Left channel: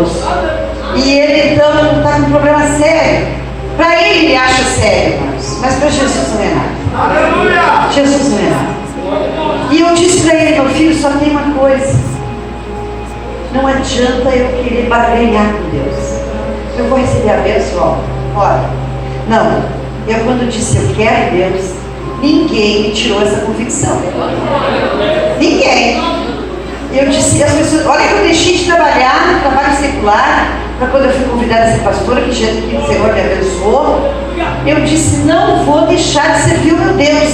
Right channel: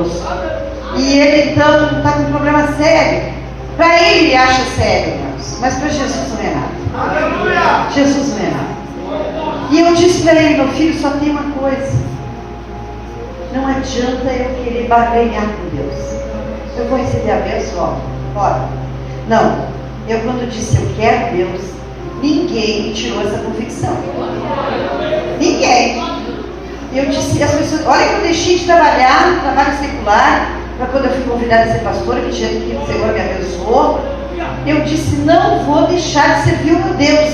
moço. E ele então está com um problema sério. Para ele acha sério, irmãos, mas para Jesus não é nada. Aleluia! Jesus não é nada. E eu disse para ele, meu filho, só tem uma coisa. Não adianta eu querer barganhar com Deus. Eu vou receber a bênção, ora. Não, eu quando disse eu quero Deus, ninguém me tirou essa convicção. Ninguém. E eu disse, as pessoas, olha que eu deixei de trabalhar no trabalho secular, para quando eu fui convidada a ser pastora, que Jesus que o Senhor me abençoou, eu disse, não vou deixar de servir o meu Deus.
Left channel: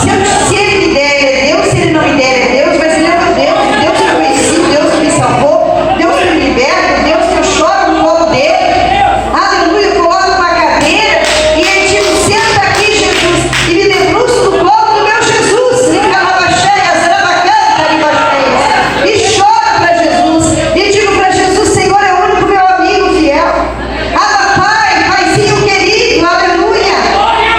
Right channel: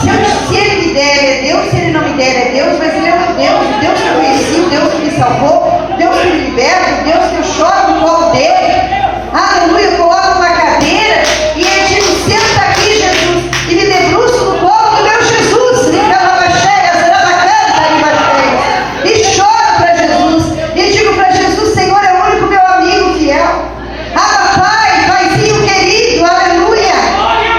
Se ele me der, é Deus, se ele não me der, é Deus, mas ele é meu Deus, o Deus que eu conheci, o Deus que me salvou, Deus que me liberta, Deus que eu choro no colo dele. Aleluia, eu coloco uma cadeira e ele diz, senta aqui, Jesus, e me debruço no colo do meu Jesus, e choro para Jesus, e digo para Jesus, Senhor é o único meu amigo fiel. Ah, Pai, Paizinho querido, aleluia,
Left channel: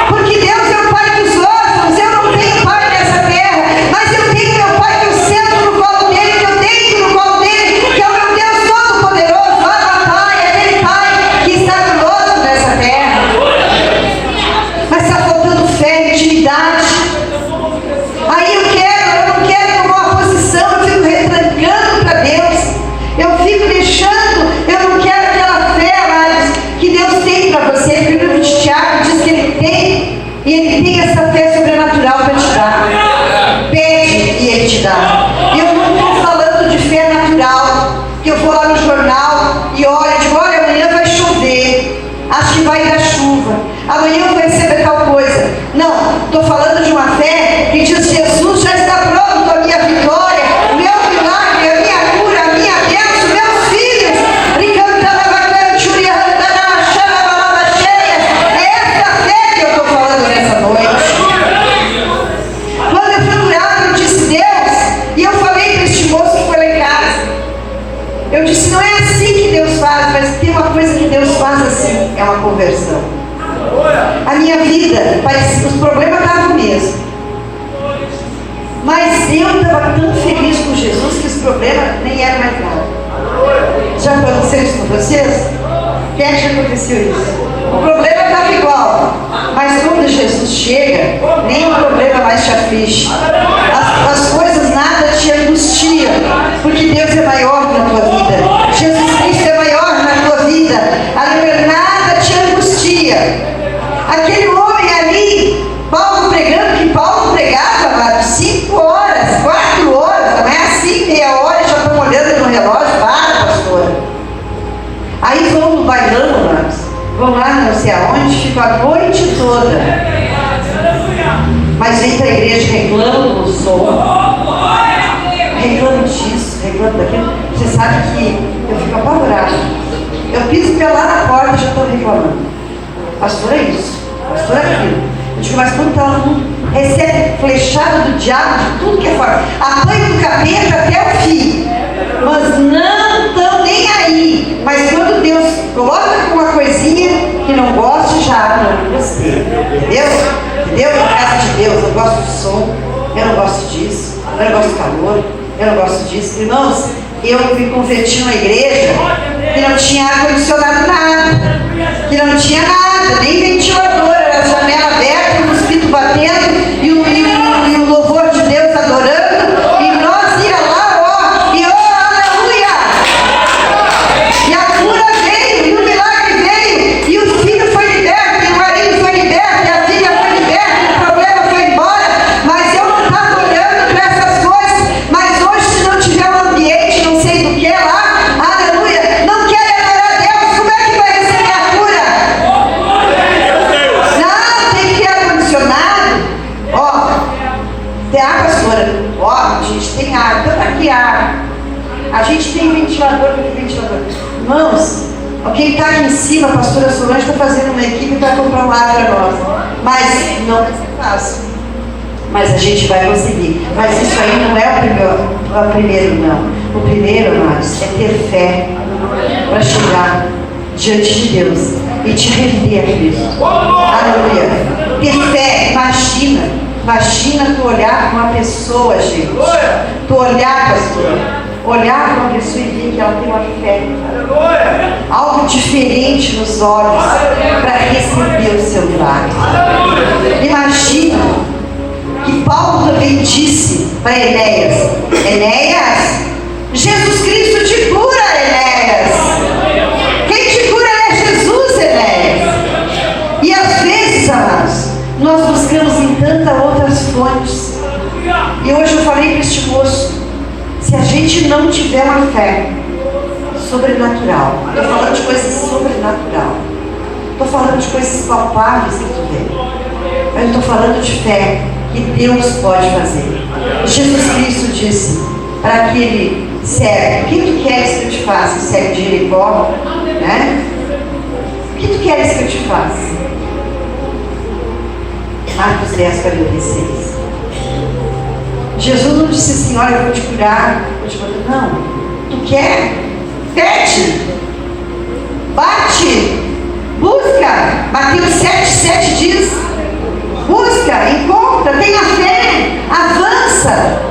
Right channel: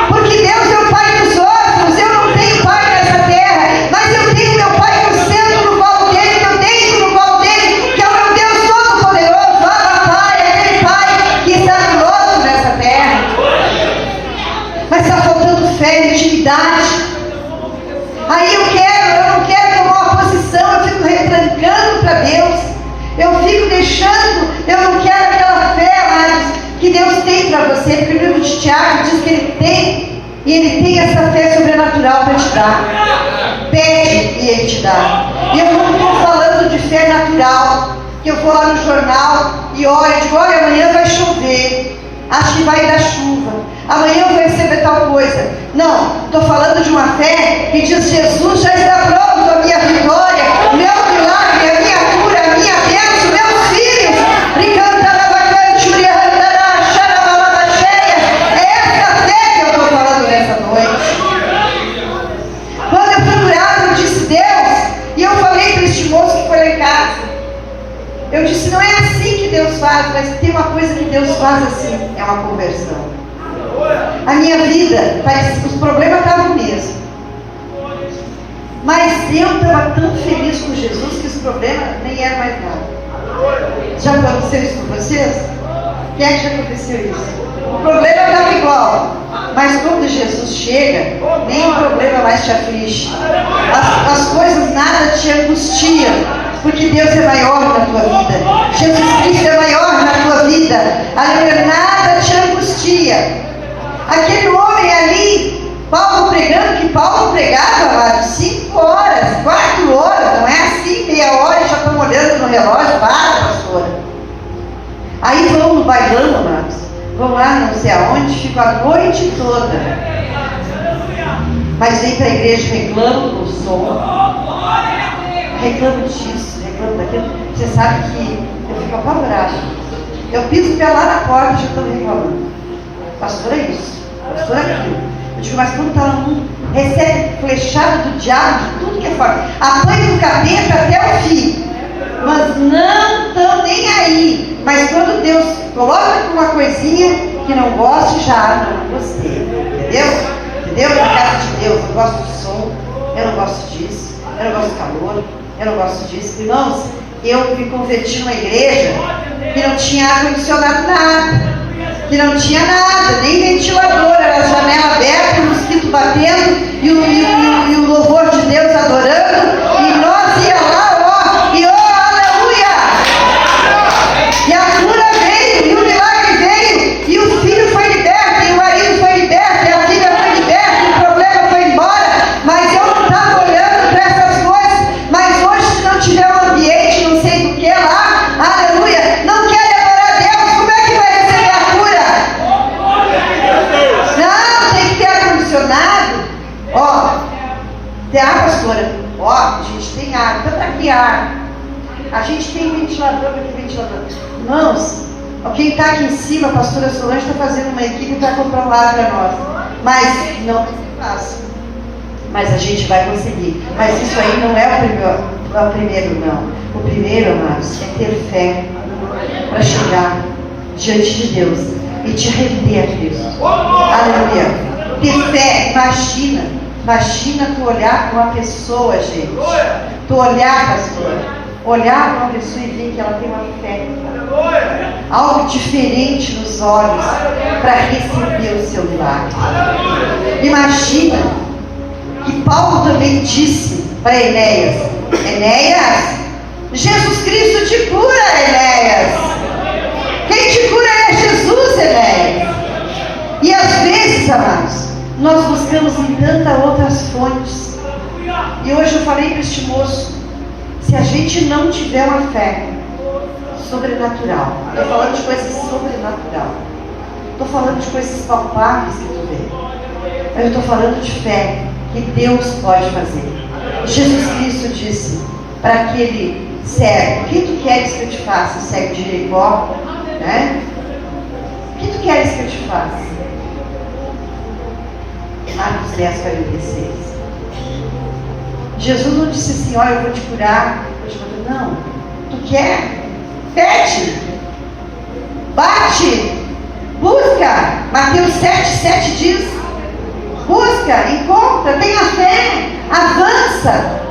porque Deus é o Pai dos órfãos. Eu não tenho pai nessa terra, mas eu tenho meu Pai que eu sento no colo dele, que eu deito no colo dele, que é o meu Deus Todo-Poderoso. Ah, Pai, aquele Pai que está conosco nessa terra. Mas está faltando fé e intimidade. Aí eu não quero tomar uma posição, eu fico retrancando para Deus, eu fico deixando, eu não quero aquela fé mais que Deus tem para você. O livro de Tiago diz que Ele tem, e Ele tem essa fé sobrenatural para te dar. Pede e Ele te dá. E eu não estou falando de fé natural, que eu vou lá no jornal e olho, digo, olha, amanhã vai chover, acho que vai dar chuva, amanhã eu vou receber tal coisa. Não, estou falando de uma fé que diz, Jesus já está pronto, a minha vitória, o meu milagre, a minha cura, a minha bênção, meus filhos. É essa fé que eu estou falando nessa noite. Quando eu fui orar, eu disse, Deus, e eu falei para este moço que foi lá em casa, eu disse, não é assim que Deus faz, mas tem uma coisa que Deus faz assim, é uma conversão. A minha vida, os problemas estavam mesmo, mas eu estava tão feliz com Jesus que os problemas nem eram mais nada. Já aconteceu isso com vocês? Quem é que já aconteceu isso? O problema estava igual, mas quando Jesus chega, nem o problema mais te aflige. As coisas nada te angustiam, porque Deus é maior na tua vida. Jesus Cristo é maior na tua vida. Aleluia, nada te angustia. Aquele homem ali, Paulo pregando, que Paulo pregava 5 horas, 4 horas, não é assim, meia hora, já estão olhando no relógio, para, pastor. Aí vão no bailão, vão lá não sei aonde, ficam a noite toda. Mas vem para a igreja, reclamam do som, reclamam disso, reclamam daquilo. Você sabe que eu fico apavorada. Eu piso pela porta e já estou reclamando. Pastor, é isso. Pastor, é aquilo. Eu digo, mas quando está lá, recebe flechada do diabo de tudo que é fora. Apanha do capeta até o fim. Mas não estão nem aí. Mas quando Deus coloca uma coisinha que não goste, já não gostei. Entendeu? Entendeu? Na casa de Deus, eu gosto do som, eu não gosto disso, eu não gosto do calor, eu não gosto disso. Irmãos, eu me converti numa igreja que não tinha ar-condicionado nada, que não tinha nada, nem ventilador, era a janela aberta, o mosquito batendo e o louvor de Deus adorando, e nós ia lá, ó, e ó, aleluia! E a cura veio, e o milagre veio, e o filho foi liberto, e o marido foi liberto, e a filha foi liberta, e o problema foi embora. Mas eu não estava olhando para essas coisas. Mas hoje, se não tiver um ambiente, não sei do que lá, aleluia, não quer adorar a Deus, como é que vai receber a cura? Não, tem que ter ar-condicionado. Ó, tem ar, pastora? Ó, a gente tem ar, então para que ar? A gente tem ventilador, tem ventilador. Irmãos, quem está aqui em cima, a pastora Solange, está fazendo uma equipe para comprar um ar para nós. Mas não vai ser fácil. Mas a gente vai conseguir. Mas isso aí não é o primeiro, não. O primeiro, amados, é ter fé para chegar diante de Deus e te render a Cristo. Aleluia. Ter fé, imagina tu olhar para uma pessoa, gente. Tu olhar, pastor, olhar para uma pessoa e ver que ela tem uma fé. diferente nos olhos para receber o seu milagre. Imagina que Paulo também disse para Enéas: Enéas, Jesus Cristo te cura, Enéas. Quem te cura é Jesus, Enéas. E às vezes, amados, nós buscamos em tantas outras fontes. E hoje eu falei para este moço: se a gente não tiver uma fé sobrenatural, estou falando de coisas sobrenatural, estou falando de coisas palpáveis que tu vê, mas eu estou falando de fé que Deus pode fazer. Jesus Cristo disse para aquele cego: o que tu queres que eu te faça? O cego de Jericó, né? O que tu queres que eu te faça? Marcos 10, 46. Jesus não disse assim: olha, eu vou te curar. Não. Tu quer? Pede. Bate. Busca. Mateus 7 diz: busca, encontra, tenha fé, avança.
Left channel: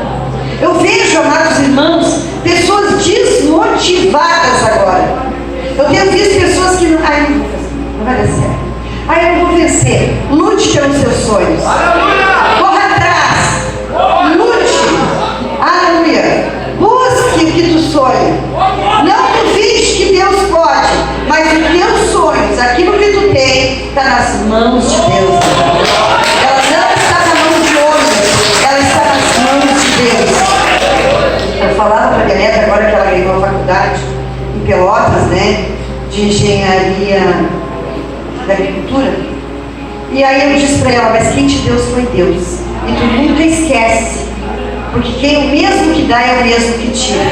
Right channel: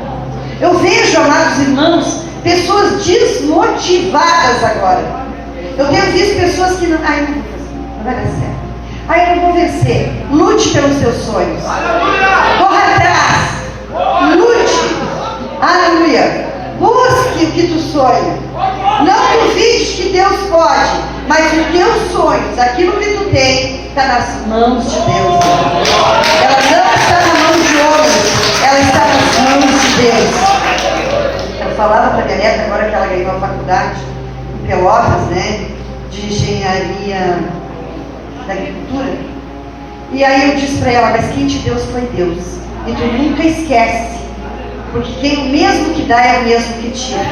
Eu vejo, amados irmãos, pessoas desmotivadas agora. Eu tenho visto pessoas que não vai dar certo. Eu não vou vencer. Lute pelos seus sonhos. Corra atrás. Lute. Aleluia. Busque o que tu sonha. Não duvide que Deus pode, mas os teus sonhos, aquilo que tu tem, está nas mãos de Deus. Ela não está na mão de homens, ela está nas mãos de Deus. Eu falava para a minha neta agora que ela ganhou a faculdade em Pelotas, né, de engenharia da agricultura. E aí eu disse para ela: mas quem te deu foi Deus. E tu nunca esquece, porque quem mesmo que dá é o mesmo que tira.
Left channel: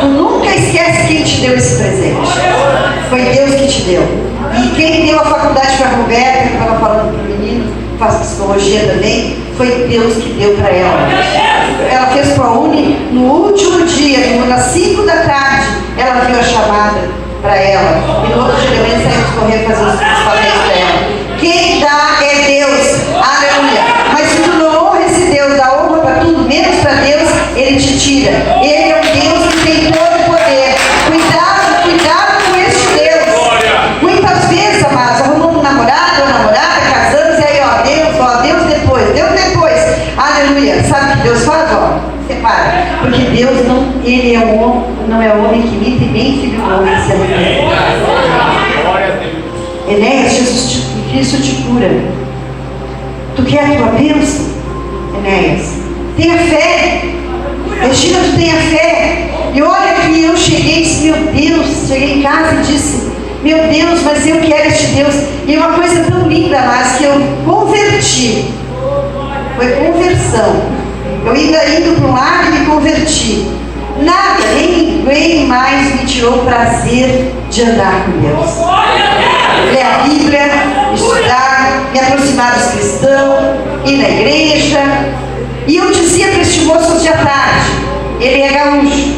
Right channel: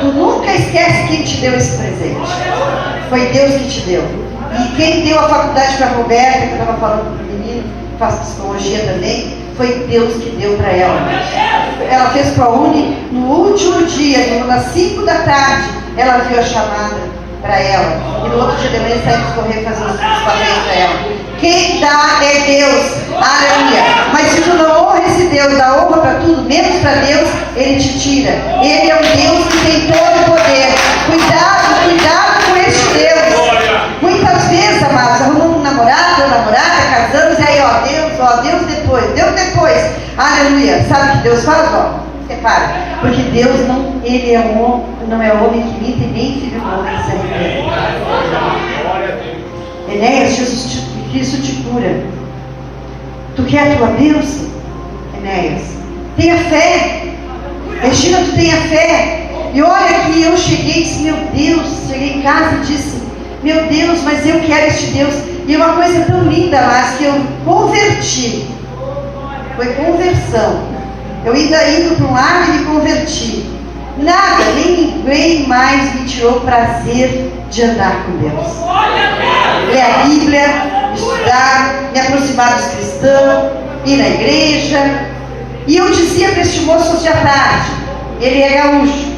Tu nunca esquece quem te deu esse presente. Foi Deus que te deu. E quem deu a faculdade para a Roberta, que estava falando para o menino, faz psicologia também, foi Deus que deu para ela. Ela fez para a Uni, no último dia, às 5 da tarde, ela viu a chamada para ela. E no outro dia também saímos correr fazer os papéis para ela. Quem dá é Deus. Aleluia. Mas se tu não honra esse Deus, dá honra para tudo, menos para Deus, Ele te tira. Ele é um Deus que tem todo o poder. Cuidado com esse Deus. Muitas vezes, amados, arrumamos um namorado ou namorada, casamos, e aí, Deus depois. Aleluia. Sabe o que Deus faz? Separa. Porque Deus não, Ele é um homem, não é homem que imita, e nem filho do homem que se arrepende. Enéas, Jesus Cristo te cura. Tu quer a tua bênção, Enéas? Tenha fé. Regina, tu tenha fé. E olha que eu cheguei em casa e disse: meu Deus, mas eu quero este Deus. E uma coisa tão linda, mas que eu converti. Foi conversão. Eu indo para um lado e me converti. Nada, nem ninguém mais me tirou o prazer de andar com Deus. Ler a Bíblia, estudar, me aproximar dos cristãos, ir na igreja. E eu dizia para este moço hoje à tarde, ele é gaúcho.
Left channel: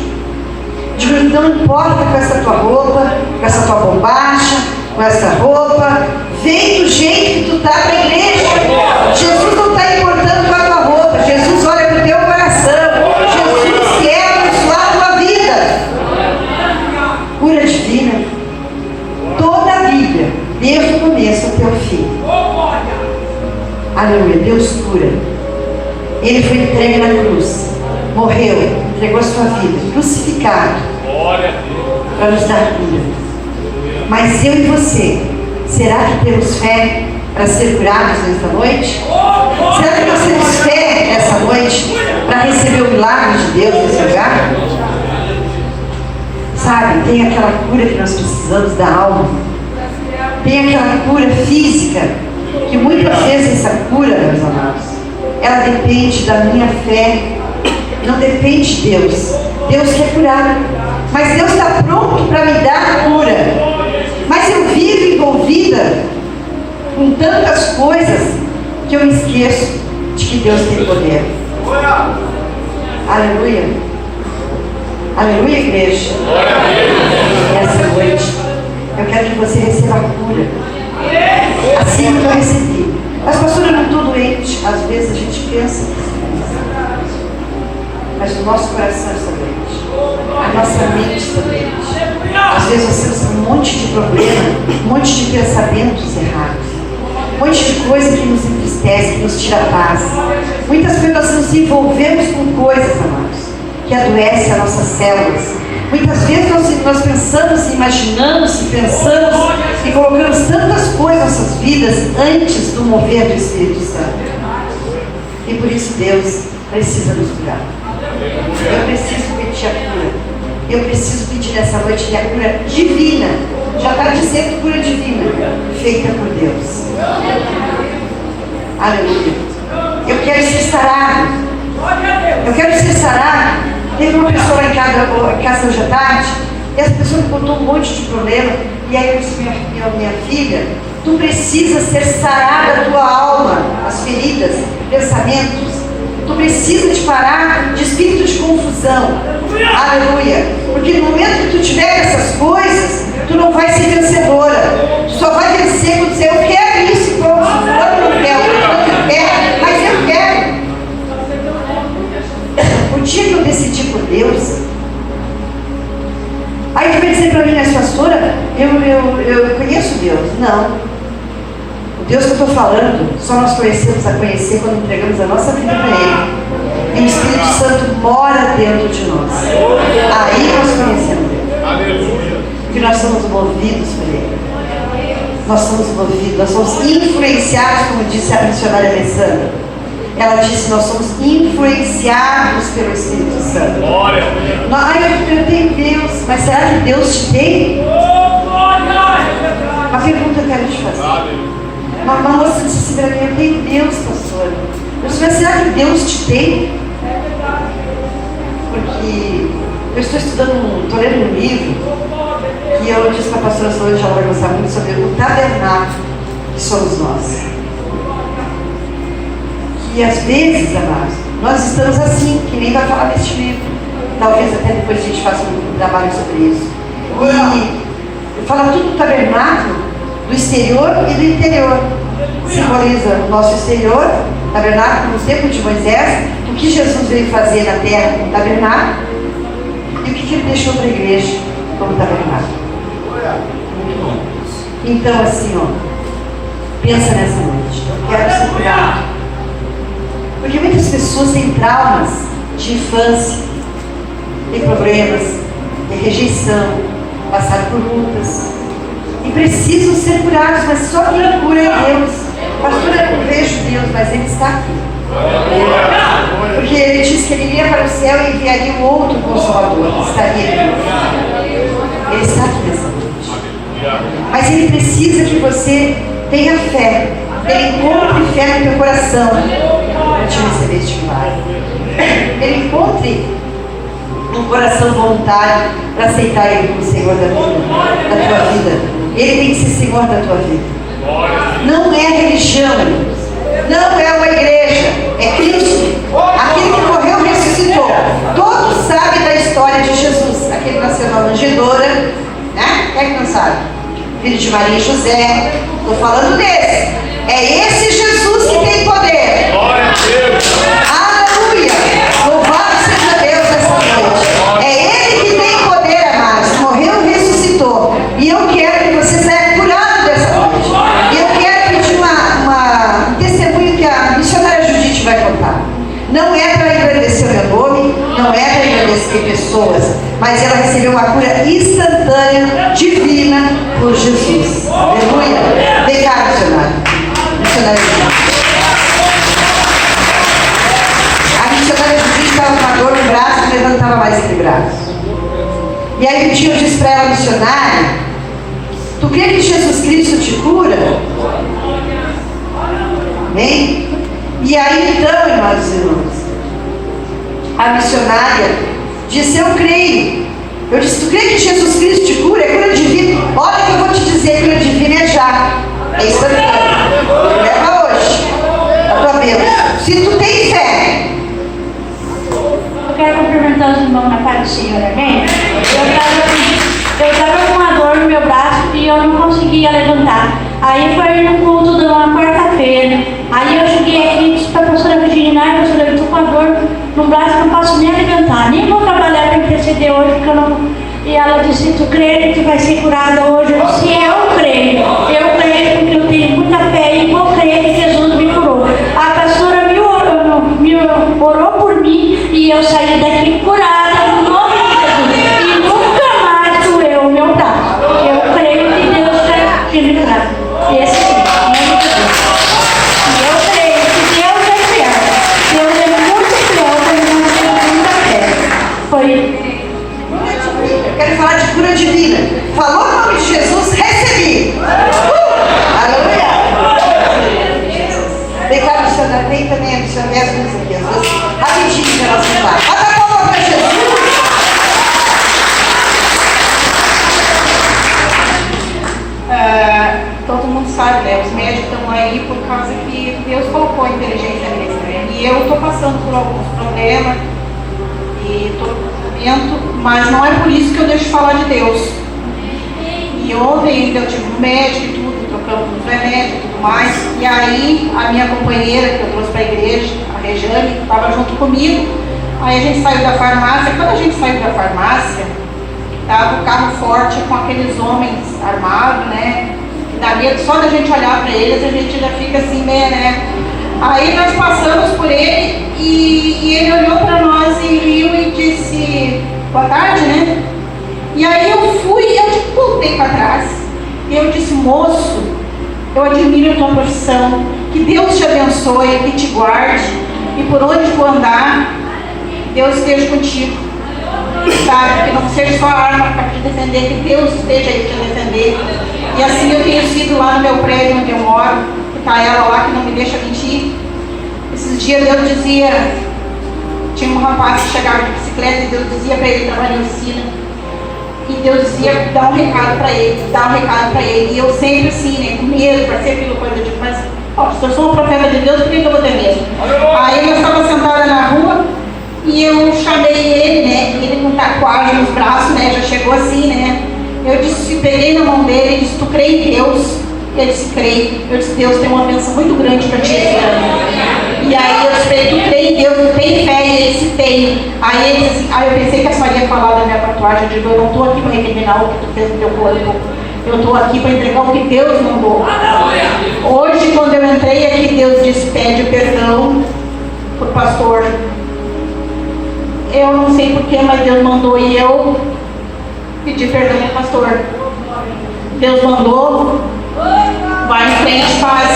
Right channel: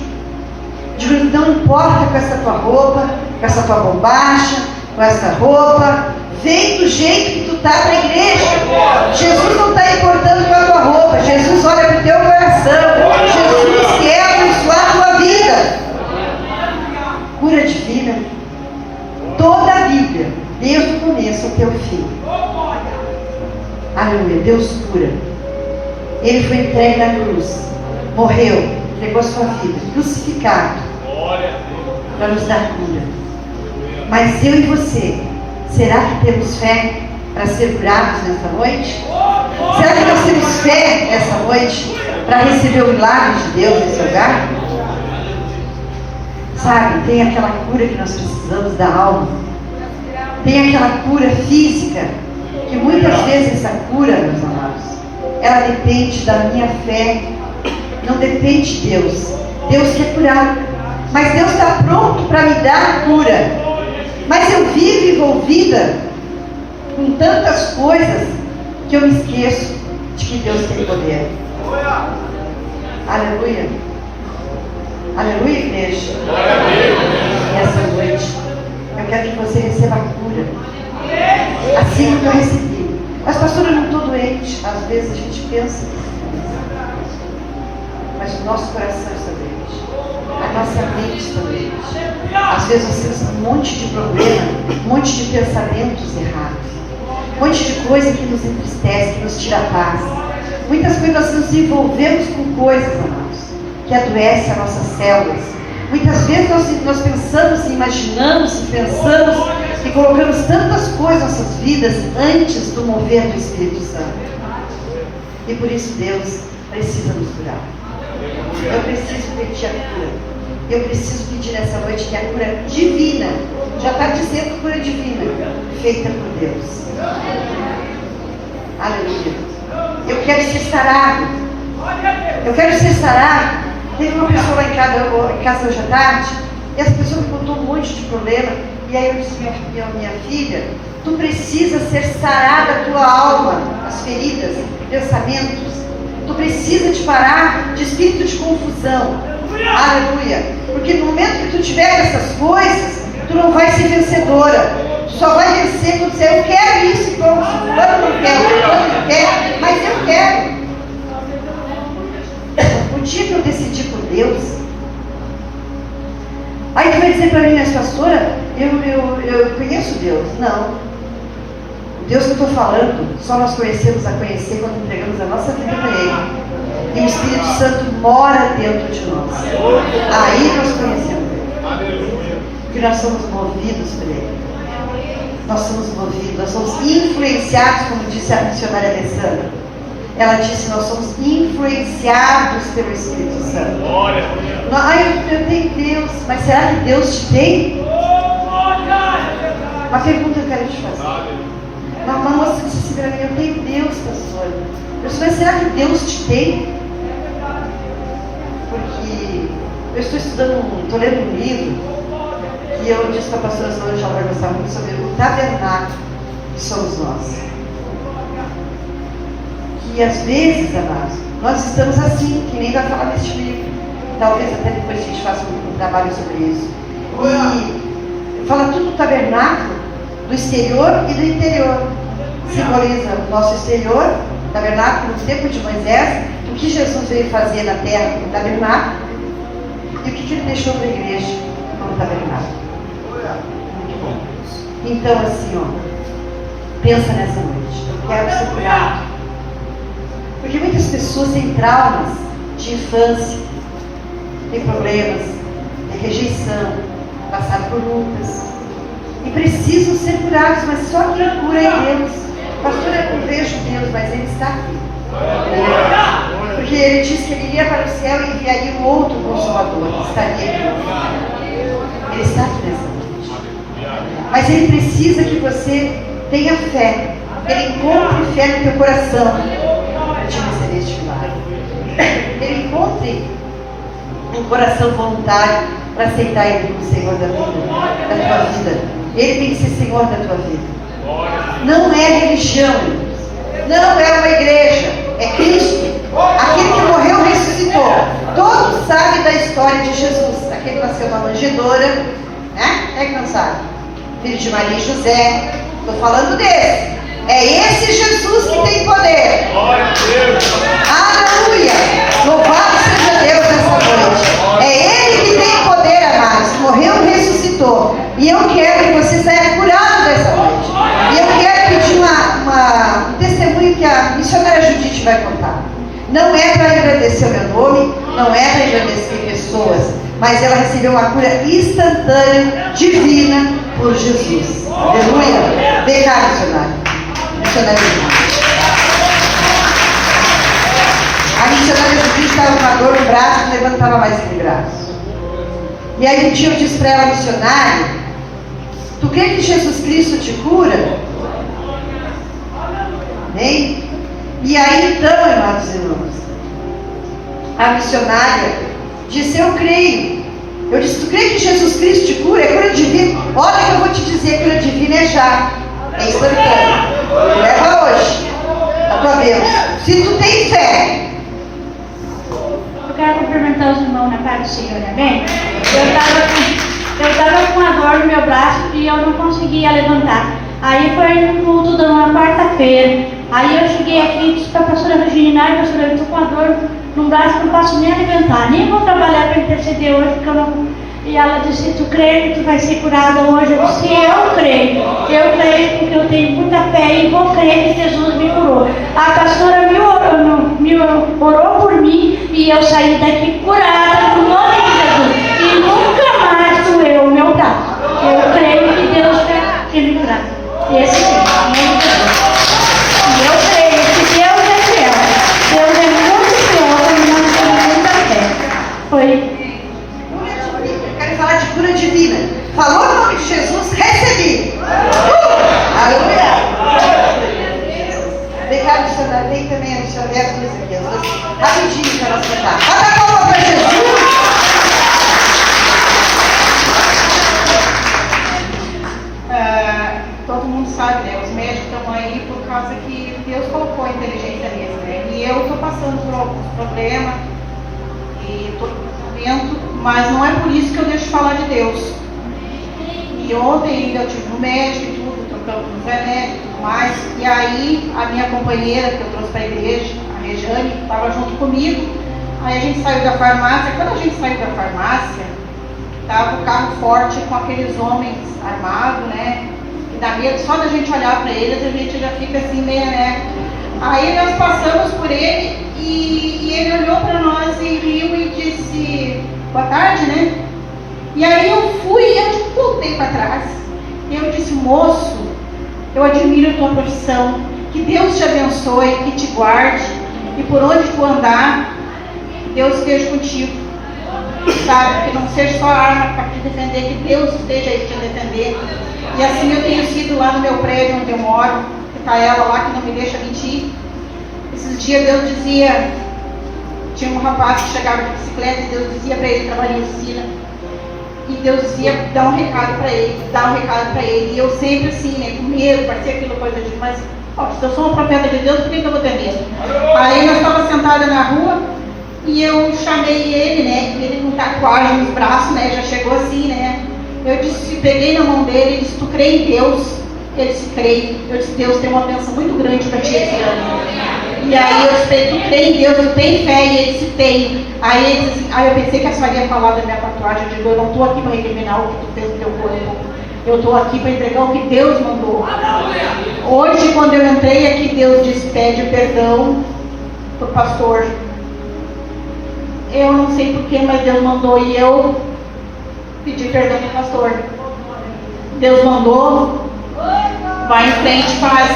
Digo: não importa com essa tua roupa, com essa tua bombacha, com essa roupa, vem do jeito que tu está para a igreja. Jesus não está importando com a tua roupa, Jesus olha para o teu coração. Jesus quer abençoar a tua vida. Cura divina. Toda a Bíblia, desde o começo até o fim. Aleluia, Deus cura. Ele foi entregue na cruz, morreu, entregou a sua vida, crucificado, para nos dar cura. Mas eu e você, será que temos fé para ser curados nesta noite? Será que nós temos fé nessa noite para receber o milagre de Deus nesse lugar? Sabe, tem aquela cura que nós precisamos da alma, tem aquela cura física, que muitas vezes essa cura, meus amados, ela depende da minha fé, não depende de Deus. Deus quer curar, mas Deus está pronto para me dar a cura. Mas eu vivo envolvida com tantas coisas que eu me esqueço de que Deus tem poder. Aleluia. Aleluia, igreja. Nessa noite, eu quero que você receba a cura, assim como eu recebi. Mas pastor, eu não estou doente. Às vezes a gente pensa, mas o nosso coração está doente, a nossa mente toda noite. Às vezes nós temos um monte de problema, um monte de pensamentos errados, um monte de coisa que nos entristece, que nos tira a paz. Muitas vezes nós nos envolvemos com coisas, amados, que adoecem as nossas células. Muitas vezes nós pensamos, imaginamos e pensamos e colocamos tantas coisas em nossas vidas antes do mover do Espírito Santo. E por isso Deus precisa nos curar. Eu preciso pedir a cura. Eu preciso pedir nessa noite a cura divina. Já está dizendo cura divina, feita por Deus. Aleluia. Eu quero ser sarado. Eu quero ser sarado. Teve uma pessoa lá em casa hoje à tarde, e essa pessoa me contou um monte de problema. E aí eu disse, minha filha, tu precisa ser sarada a tua alma, as feridas, pensamentos. Tu precisa de parar de espírito de confusão. Aleluia. Porque no momento que tu tiver essas coisas, tu não vai ser vencedora. Tu só vai vencer quando você, eu quero isso, então eu não quero, mas eu quero. O dia que eu decidi por Deus, aí tu vai dizer para mim, mas pastora, eu conheço Deus. Não. O Deus que eu estou falando, só nós conhecemos a conhecer quando entregamos a nossa vida para Ele. E o Espírito Santo mora dentro de nós. Aí nós conhecemos Ele. Porque nós somos movidos por Ele. Nós somos movidos, nós somos influenciados, como disse a missionária Alessandra. Ela disse, nós somos influenciados pelo Espírito Santo. Eu tenho Deus, mas será que Deus te tem? Uma pergunta eu quero te fazer. Uma moça disse assim para mim, eu tenho Deus, pastor. Eu disse, mas será que Deus te tem? Porque eu estou estou lendo um livro, que eu disse para a pastora Solange, ela vai gostar muito, sobre o tabernáculo que somos nós. E às vezes, amados, nós estamos assim, que nem vai falar neste livro. Talvez até depois a gente faça um trabalho sobre isso. E fala tudo do tabernáculo, do exterior e do interior. Simboliza o nosso exterior, tabernáculo, no tempo de Moisés, o que Jesus veio fazer na terra como tabernáculo, e o que ele deixou para a igreja como tabernáculo. Então, assim, pensa nessa noite. Eu quero ser curado. Porque muitas pessoas têm traumas de infância, têm problemas, têm rejeição, passaram por lutas e precisam ser curados, mas só quem cura é Deus. Pastor, eu não vejo Deus, mas Ele está aqui. Porque Ele disse que Ele iria para o céu e enviaria um outro Consolador, que estaria aqui. Ele está aqui nessa noite. Mas Ele precisa que você tenha fé, que Ele encontre fé no teu coração. Te receber este milagre. Ele encontre um coração voluntário para aceitar Ele como Senhor da tua vida. Ele tem que ser Senhor da tua vida. Não é religião, não é uma igreja, é Cristo. Aquele que morreu e ressuscitou. Todos sabem da história de Jesus. Aquele que nasceu na manjedoura, né? É que não sabe? Filho de Maria e José. Estou falando desse. É esse Jesus que tem poder. Glória a Deus. Aleluia. Louvado seja Deus nessa noite. É Ele que tem poder, amados. Morreu e ressuscitou. E eu quero que você saia curado dessa noite. E eu quero pedir um testemunho que a missionária Judite vai contar. Não é para engrandecer o meu nome, não é para engrandecer pessoas, mas ela recebeu uma cura instantânea, divina, por Jesus. Aleluia. Vem cá, missionária. A missionária Judite estava com a dor no braço e levantava mais aquele braço. E aí um dia eu disse para ela, missionária, tu crê que Jesus Cristo te cura? Amém? E aí então, irmãos e irmãs, a missionária disse, eu creio. Eu disse, tu crê que Jesus Cristo te cura? É cura divina. Olha que eu vou te dizer, cura divina é já. É instantâneo. Leva hoje a tua bênção. Se tu tem fé. Eu quero cumprimentar os irmãos na paz do Senhor, amém? Eu estava com uma dor no meu braço e eu não conseguia levantar. Aí foi no culto de uma quarta-feira. Aí eu cheguei aqui e disse para a professora Virginia, professora, eu estou com a dor no braço, não posso nem alimentar, nem vou trabalhar para interceder hoje, porque eu não... E ela disse, tu crê que tu vai ser curada hoje? Eu disse, eu creio porque eu tenho muita fé e vou crer que Jesus me curou. A pastora me orou por mim e eu saí daqui curada no nome de Jesus. E nunca mais doeu o meu braço. Eu creio que Deus está te livrando. Esse sim, eu creio que Deus é fiel. Deus é muito fiel quando nós temos muita fé. Foi. Eu quero falar de cura divina. Falou o nome de Jesus, recebi. Aleluia. Obrigado, senhora. Tem também a missionária aqui. Rapidinho para nós falar. Bota a palma para Jesus. Todo mundo sabe, né? Os médicos estão aí por causa que Deus colocou a inteligência neles, né? E eu estou passando por alguns problemas e estou no tratamento, mas não é por isso que eu deixo de falar de Deus. E ontem ainda eu tive um médico e tudo, trocamos uns remédios e tudo mais. E aí a minha companheira que eu trouxe para a igreja, a Rejane, estava junto comigo. Aí a gente saiu da farmácia. Quando a gente saiu da farmácia, estava o carro forte com aqueles homens armados, né? Que dá medo só da gente olhar para eles, a gente já fica assim, né? Aí nós passamos por ele e ele olhou para nós e riu e disse, boa tarde, né? E aí eu fui, eu voltei para trás e eu disse, moço, eu admiro a tua profissão, que Deus te abençoe, que te guarde e por onde for andar, Deus esteja contigo, sabe? Que não seja só arma para te defender, que Deus esteja aí te defender. E assim eu tenho sido lá no meu prédio onde eu moro, que está ela lá que não me deixa mentir. Esses dias Deus dizia, tinha um rapaz que chegava de bicicleta e Deus dizia para ele trabalhar em oficina. E Deus dizia, dá um recado para ele, e eu sempre assim, né, com medo, para ser aquilo coisa de mas, se eu sou uma profeta de Deus, por que eu vou ter medo? Aí eu estava sentada na rua e eu chamei ele, né, ele com tatuagem nos braços, né, já chegou assim, né, eu disse, peguei na mão dele e disse, tu crê em Deus? Ele disse, creio. Eu disse, Deus tem uma bênção muito grande para ti esse ano. E aí eu disse, tu crê em Deus, tu tem fé? E ele disse, tem. Aí ele disse, aí eu pensei que a senhora ia falar da minha tatuagem. Eu digo, eu não estou aqui para recriminar o que tu fez no teu corpo. Eu estou aqui para entregar o que Deus mandou. Hoje, quando eu entrei aqui, Deus disse, pede perdão para o pastor. Eu não sei porquê, mas Deus mandou e eu pedi perdão ao pastor. Deus mandou. Vai em frente, faz.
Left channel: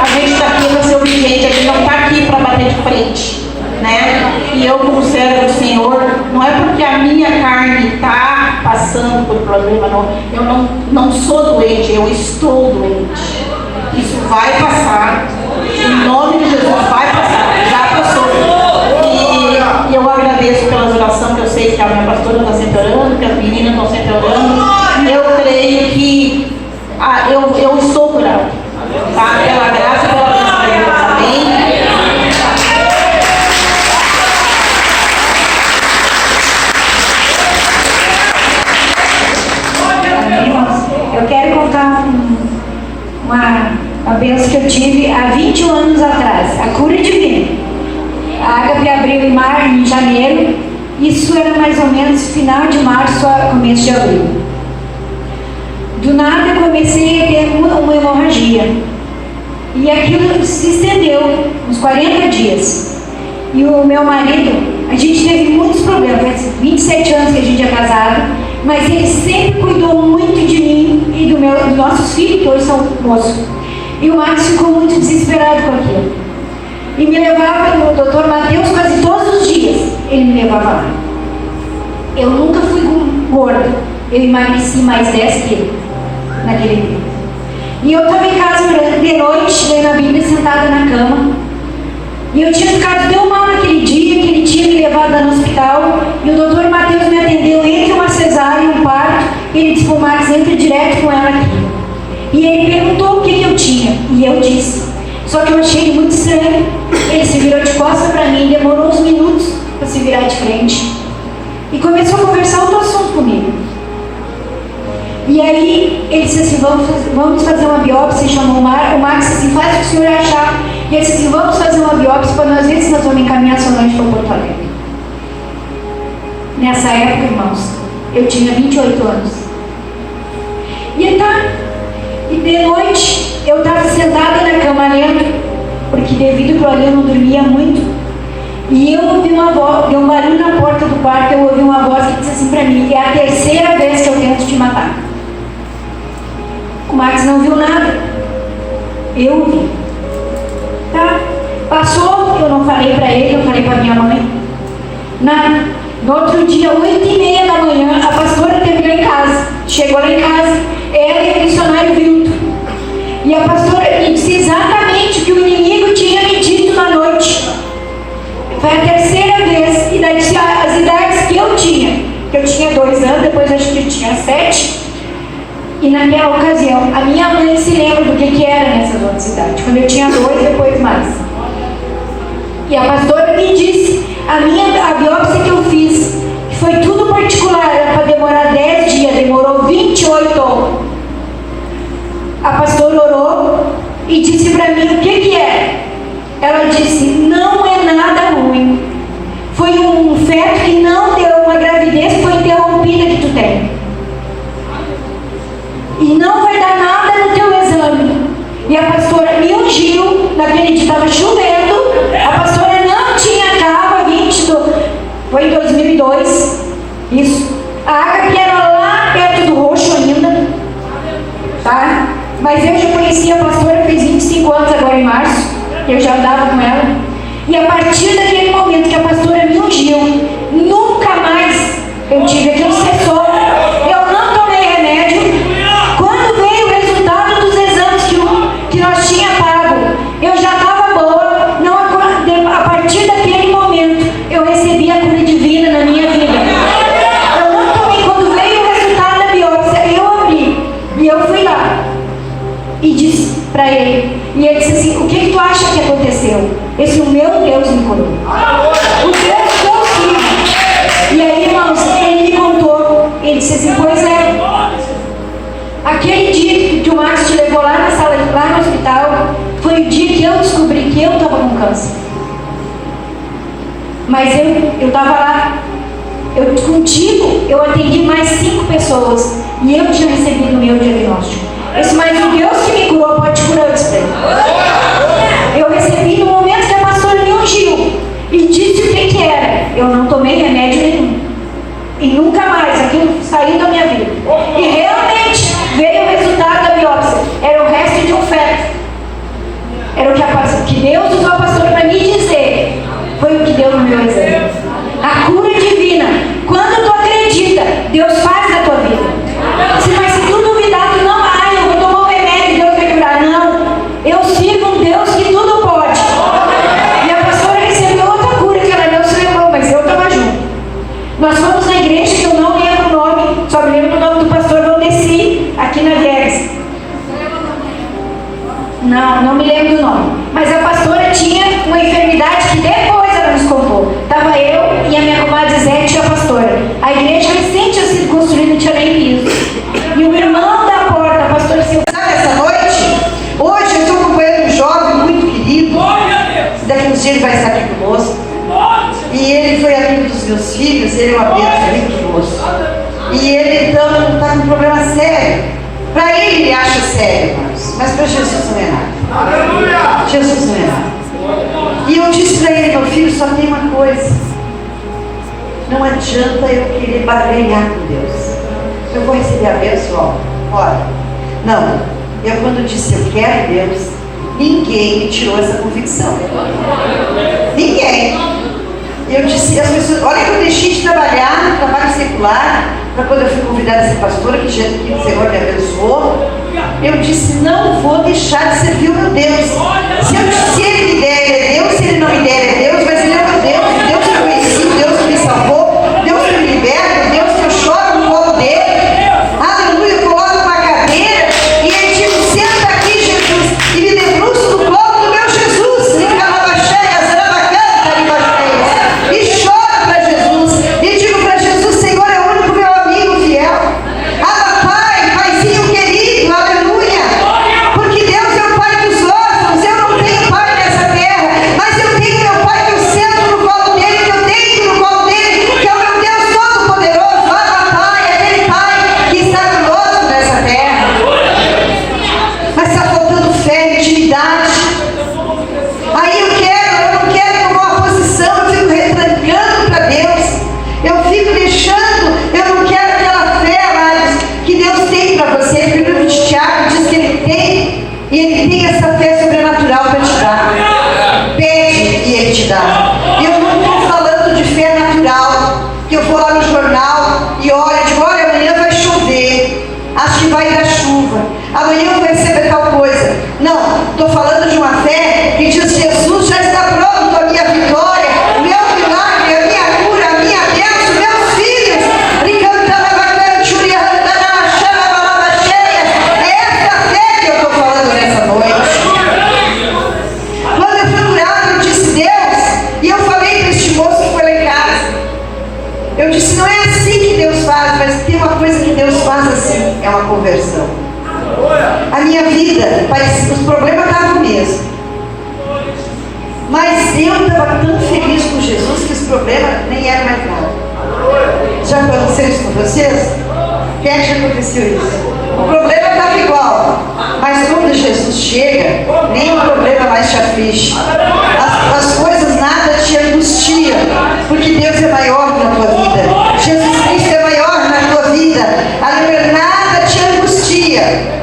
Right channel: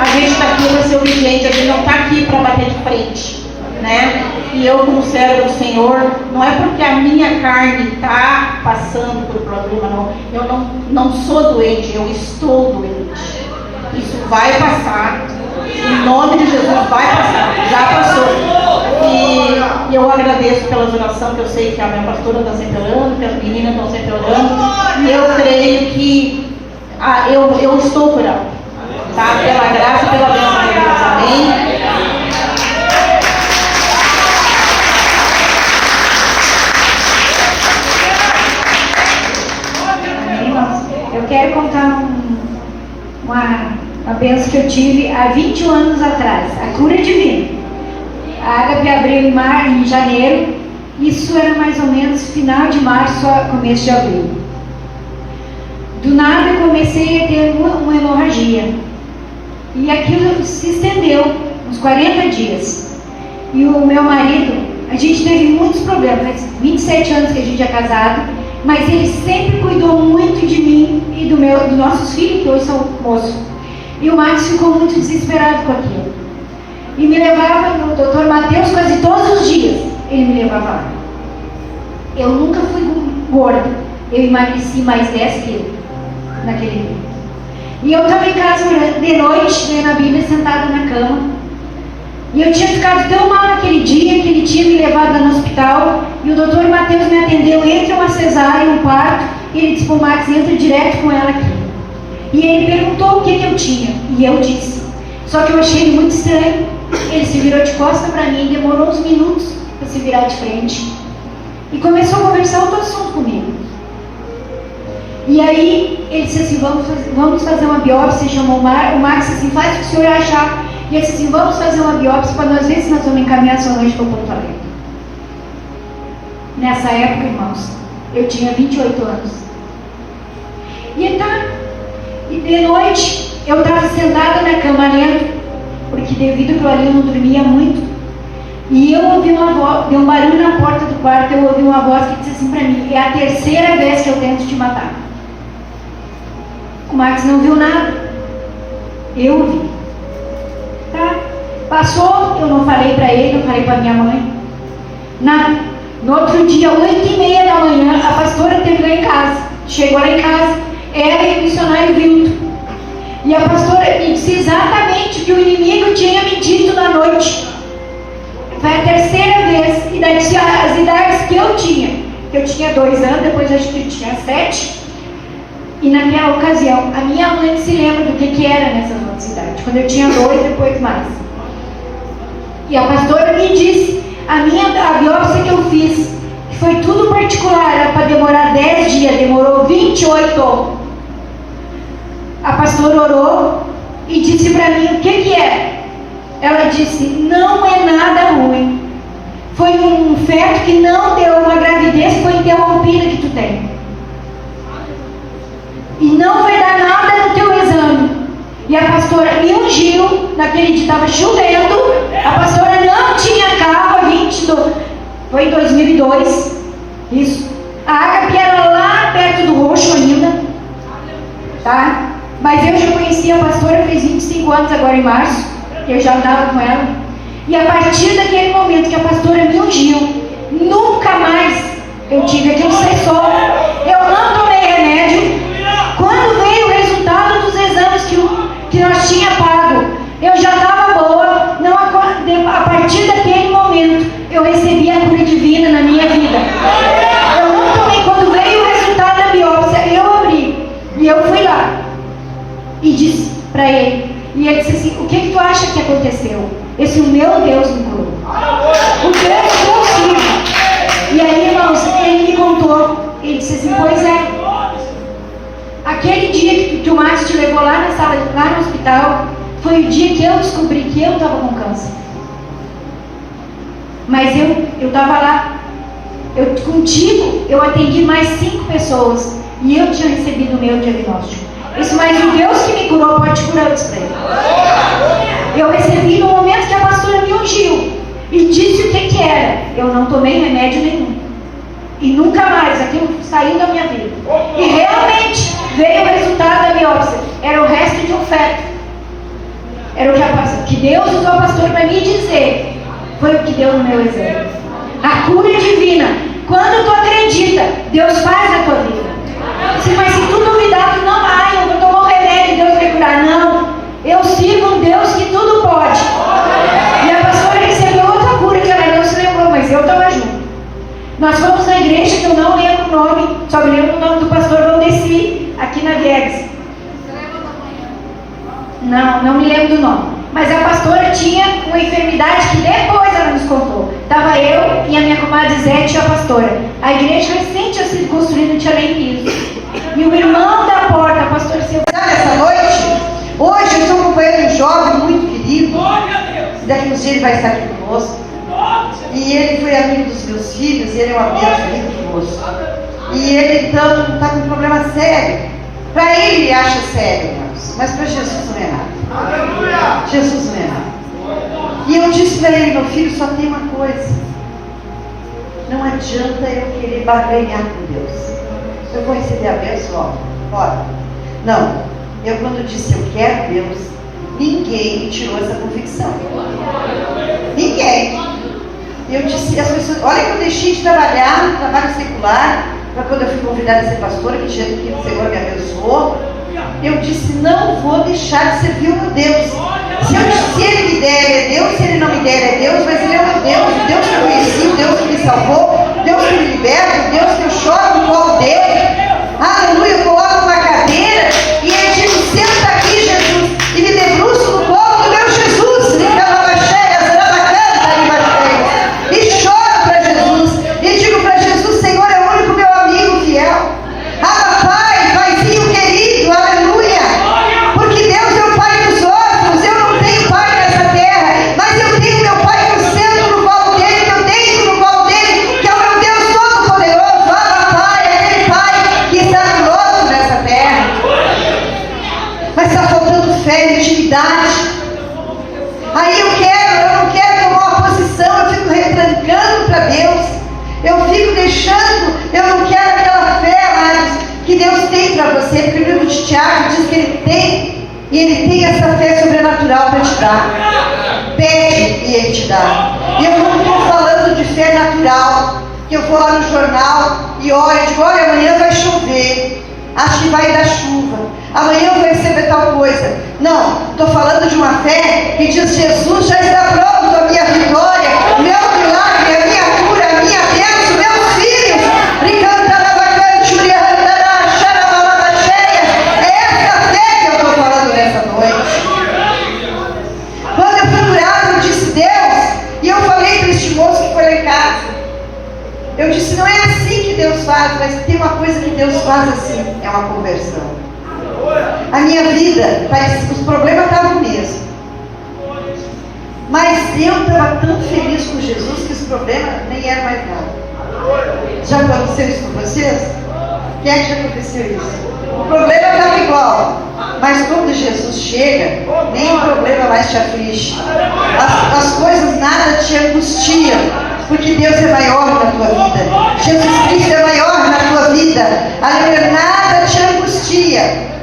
A gente está aqui para ser obediente, a gente não está aqui para bater de frente, né? E eu, como servo do Senhor, não é porque a minha carne está passando por problema, não. Eu não sou doente, eu estou doente. Isso vai passar. Em nome de Jesus, vai passar. Já passou. E eu agradeço pelas orações, que eu sei que a minha pastora está sempre orando, que as meninas estão sempre orando. E eu creio que eu estou curado, tá? Pela graça e pela bênção de Deus, amém? Eu quero contar uma bênção que eu tive há 21 anos atrás, a cura divina. A Ágape abriu em janeiro, isso era mais ou menos final de março a começo de abril. Do nada eu comecei a ter uma hemorragia. E aquilo se estendeu uns 40 dias. E o meu marido, a gente teve muitos problemas, faz 27 anos que a gente é casado, mas ele sempre cuidou muito de mim e dos nossos filhos, que hoje são moços. E o Max ficou muito desesperado com aquilo. E me levava no Dr. Mateus quase todos os dias. Ele me levava lá. Eu nunca fui gorda. Eu emagreci mais 10 quilos naquele dia. E eu estava em casa de noite, lendo a Bíblia, sentada na cama. E eu tinha ficado tão mal naquele dia que ele tinha me levado no hospital. E o doutor Mateus me atendeu entre uma cesárea e um parto. E ele disse para o Max, entre direto com ela aqui. E ele perguntou o que eu tinha. E eu disse. Só que eu achei ele muito estranho. Ele se virou de costas para mim, demorou uns minutos para se virar de frente. E começou a conversar outro assunto comigo. E aí ele disse assim, vamos fazer uma biópsia. E chamou o Max assim, faz o que o senhor achar. E ele disse assim, vamos fazer uma biópsia para nós ver se nós vamos encaminhar sua mãe para Porto Alegre. Nessa época, irmãos, Eu tinha 28 anos. E de noite, eu estava sentada na cama lendo, porque devido ao eu não dormia muito, e eu ouvi uma voz, deu um barulho na porta do quarto, eu ouvi uma voz que disse assim para mim: é a terceira vez que eu tento te matar. O Max não viu nada. Eu vi. Tá? Passou, eu não falei para ele, não falei para minha mãe. No outro dia, 8h30 da manhã, a pastora teve lá em casa. Chegou lá em casa, ela e o missionário Vilton. E a pastora me disse exatamente o que o inimigo tinha me dito na noite. Foi a terceira vez. E daí disse as idades que eu tinha. Que eu tinha 2 anos, depois acho que eu tinha 7. E naquela ocasião, a minha mãe se lembra do que era nessas outras idades. Quando eu tinha 2, depois mais. E a pastora me disse, a biópsia que eu fiz, que foi tudo particular, era para demorar 10 dias, demorou 28. A pastora orou e disse para mim o que era. Ela disse, não é nada ruim. Foi um feto que não deu, uma gravidez que foi interrompida que tu tem. E não vai dar nada no teu exame. E a pastora me ungiu, naquele dia estava chovendo, a pastora não tinha carro, foi em 2002, isso. A Ágape era lá perto do Roxo ainda, tá? Mas eu já conhecia a pastora, fez 25 anos agora em março, eu já andava com ela. E a partir daquele momento que a pastora me ungiu, nunca mais eu tive aquilo, cessou. Eu não tomei remédio. Quando veio o resultado dos exames que nós tínhamos pago, eu já estava boa. Não, a partir daquele momento, eu recebi a cura divina na minha vida. Eu não tomei. Quando veio o resultado da biópsia, eu abri. E eu fui lá. E disse para ele. E ele disse assim, o que tu acha que aconteceu? Esse o meu Deus me curou. O Deus do meu filho. E aí, irmãos, ele me contou. Ele disse assim, pois é. Aquele dia que o Márcio te levou lá na sala, lá no hospital, foi o dia que eu descobri que eu estava com câncer. Mas eu estava lá. Contigo, eu atendi mais 5 pessoas. E eu tinha recebido o meu diagnóstico. Esse mais o Deus que me curou pode curar, eu disse. Eu recebi no momento que a pastora me ungiu. E disse o que era. Eu não tomei remédio nenhum. E nunca mais. Aquilo saiu da minha vida. E realmente veio o resultado da biópsia. Era o resto de um feto. Era o que Deus usou a pastora para me dizer. Foi o que deu no meu exame. A cura divina. Quando tu acredita, Deus faz a tua vida. Se tu duvidar, tu não vai. Eu vou tomar um remédio, Deus vai curar. Não. Eu sigo um Deus que tudo pode. E a pastora recebeu outra cura que ela não se lembrou, mas eu estava junto. Nós fomos na igreja que eu não lembro o nome, só me lembro o nome do pastor Valdeci, aqui na Viegas. Não me lembro do nome. Mas a pastora tinha uma enfermidade que depois ela nos contou. Estava eu e a minha comadre Zete e a pastora. A igreja recente tinha sido construída, não tinha nem piso. E o irmão da porta, a pastora Silvia. Essa noite, hoje eu estou acompanhando um jovem muito querido. Daqui uns dias ele vai estar aqui conosco. E ele foi amigo dos meus filhos, ele é uma bênção, amigo conosco. E ele então está com um problema sério. Para ele acha sério, mas para Jesus não é nada. Aleluia! Jesus não é nada. E eu disse para ele, meu filho, só tem uma coisa. Não adianta eu querer barganhar com Deus. Eu vou receber a bênção, ora. Não. Eu quando disse eu quero Deus, ninguém me tirou essa convicção. Ninguém. Eu disse, as pessoas, olha que eu deixei de trabalhar no trabalho secular, para quando eu fui convidada a ser pastora, que Jesus que o Senhor me abençoou. Eu disse, não vou deixar de servir o meu Deus. Se ele me der é Deus, se ele não me der é Deus, mas ele é meu Deus, o Deus que eu conheci, o Deus que me salvou, o Deus que me liberta, o Deus que eu choro no colo dele. Aleluia, eu coloco uma cadeira e ele diz, senta aqui, Jesus, e me debruço no colo do meu Jesus, e choro para Jesus, e digo para Jesus, Senhor é o único meu amigo fiel. Pai, Paizinho querido, aleluia, porque Deus é o Pai dos órfãos, eu não tenho pai nessa terra. problema nem era mais nada. Já aconteceu isso com vocês? Quem é que já aconteceu isso? O problema estava igual, mas quando Jesus chega, nem o problema mais te aflige. As coisas nada te angustiam, porque Deus é maior na tua vida. Jesus Cristo é maior na tua vida. Aleluia, nada te angustia.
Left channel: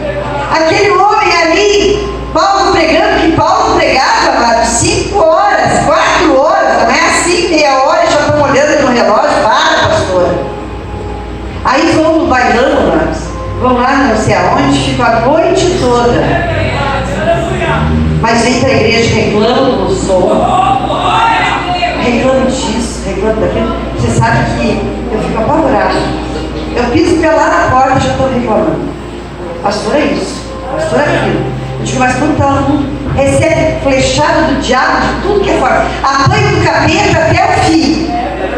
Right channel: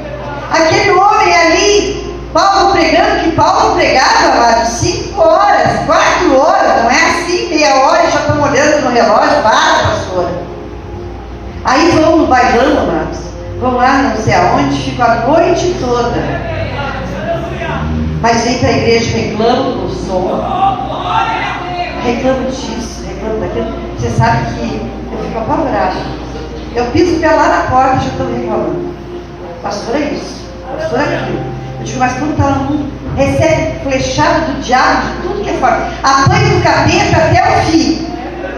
Aquele homem ali, Paulo pregando, que Paulo pregava 5 horas, 4 horas, não é assim, meia hora, já estão olhando no relógio, para, pastor. Aí vão no bailão, amados, vão lá não sei aonde, ficam a noite toda. Mas vem para a igreja, reclamam do som, reclamam disso, reclamam daquilo. Você sabe que eu fico apavorada. Eu piso pela na porta e já estou reclamando. Pastor, é isso, pastor, é aquilo. Eu digo, mas quando todo mundo recebe flechada do diabo de tudo que é forte, apanha do capeta até o fim,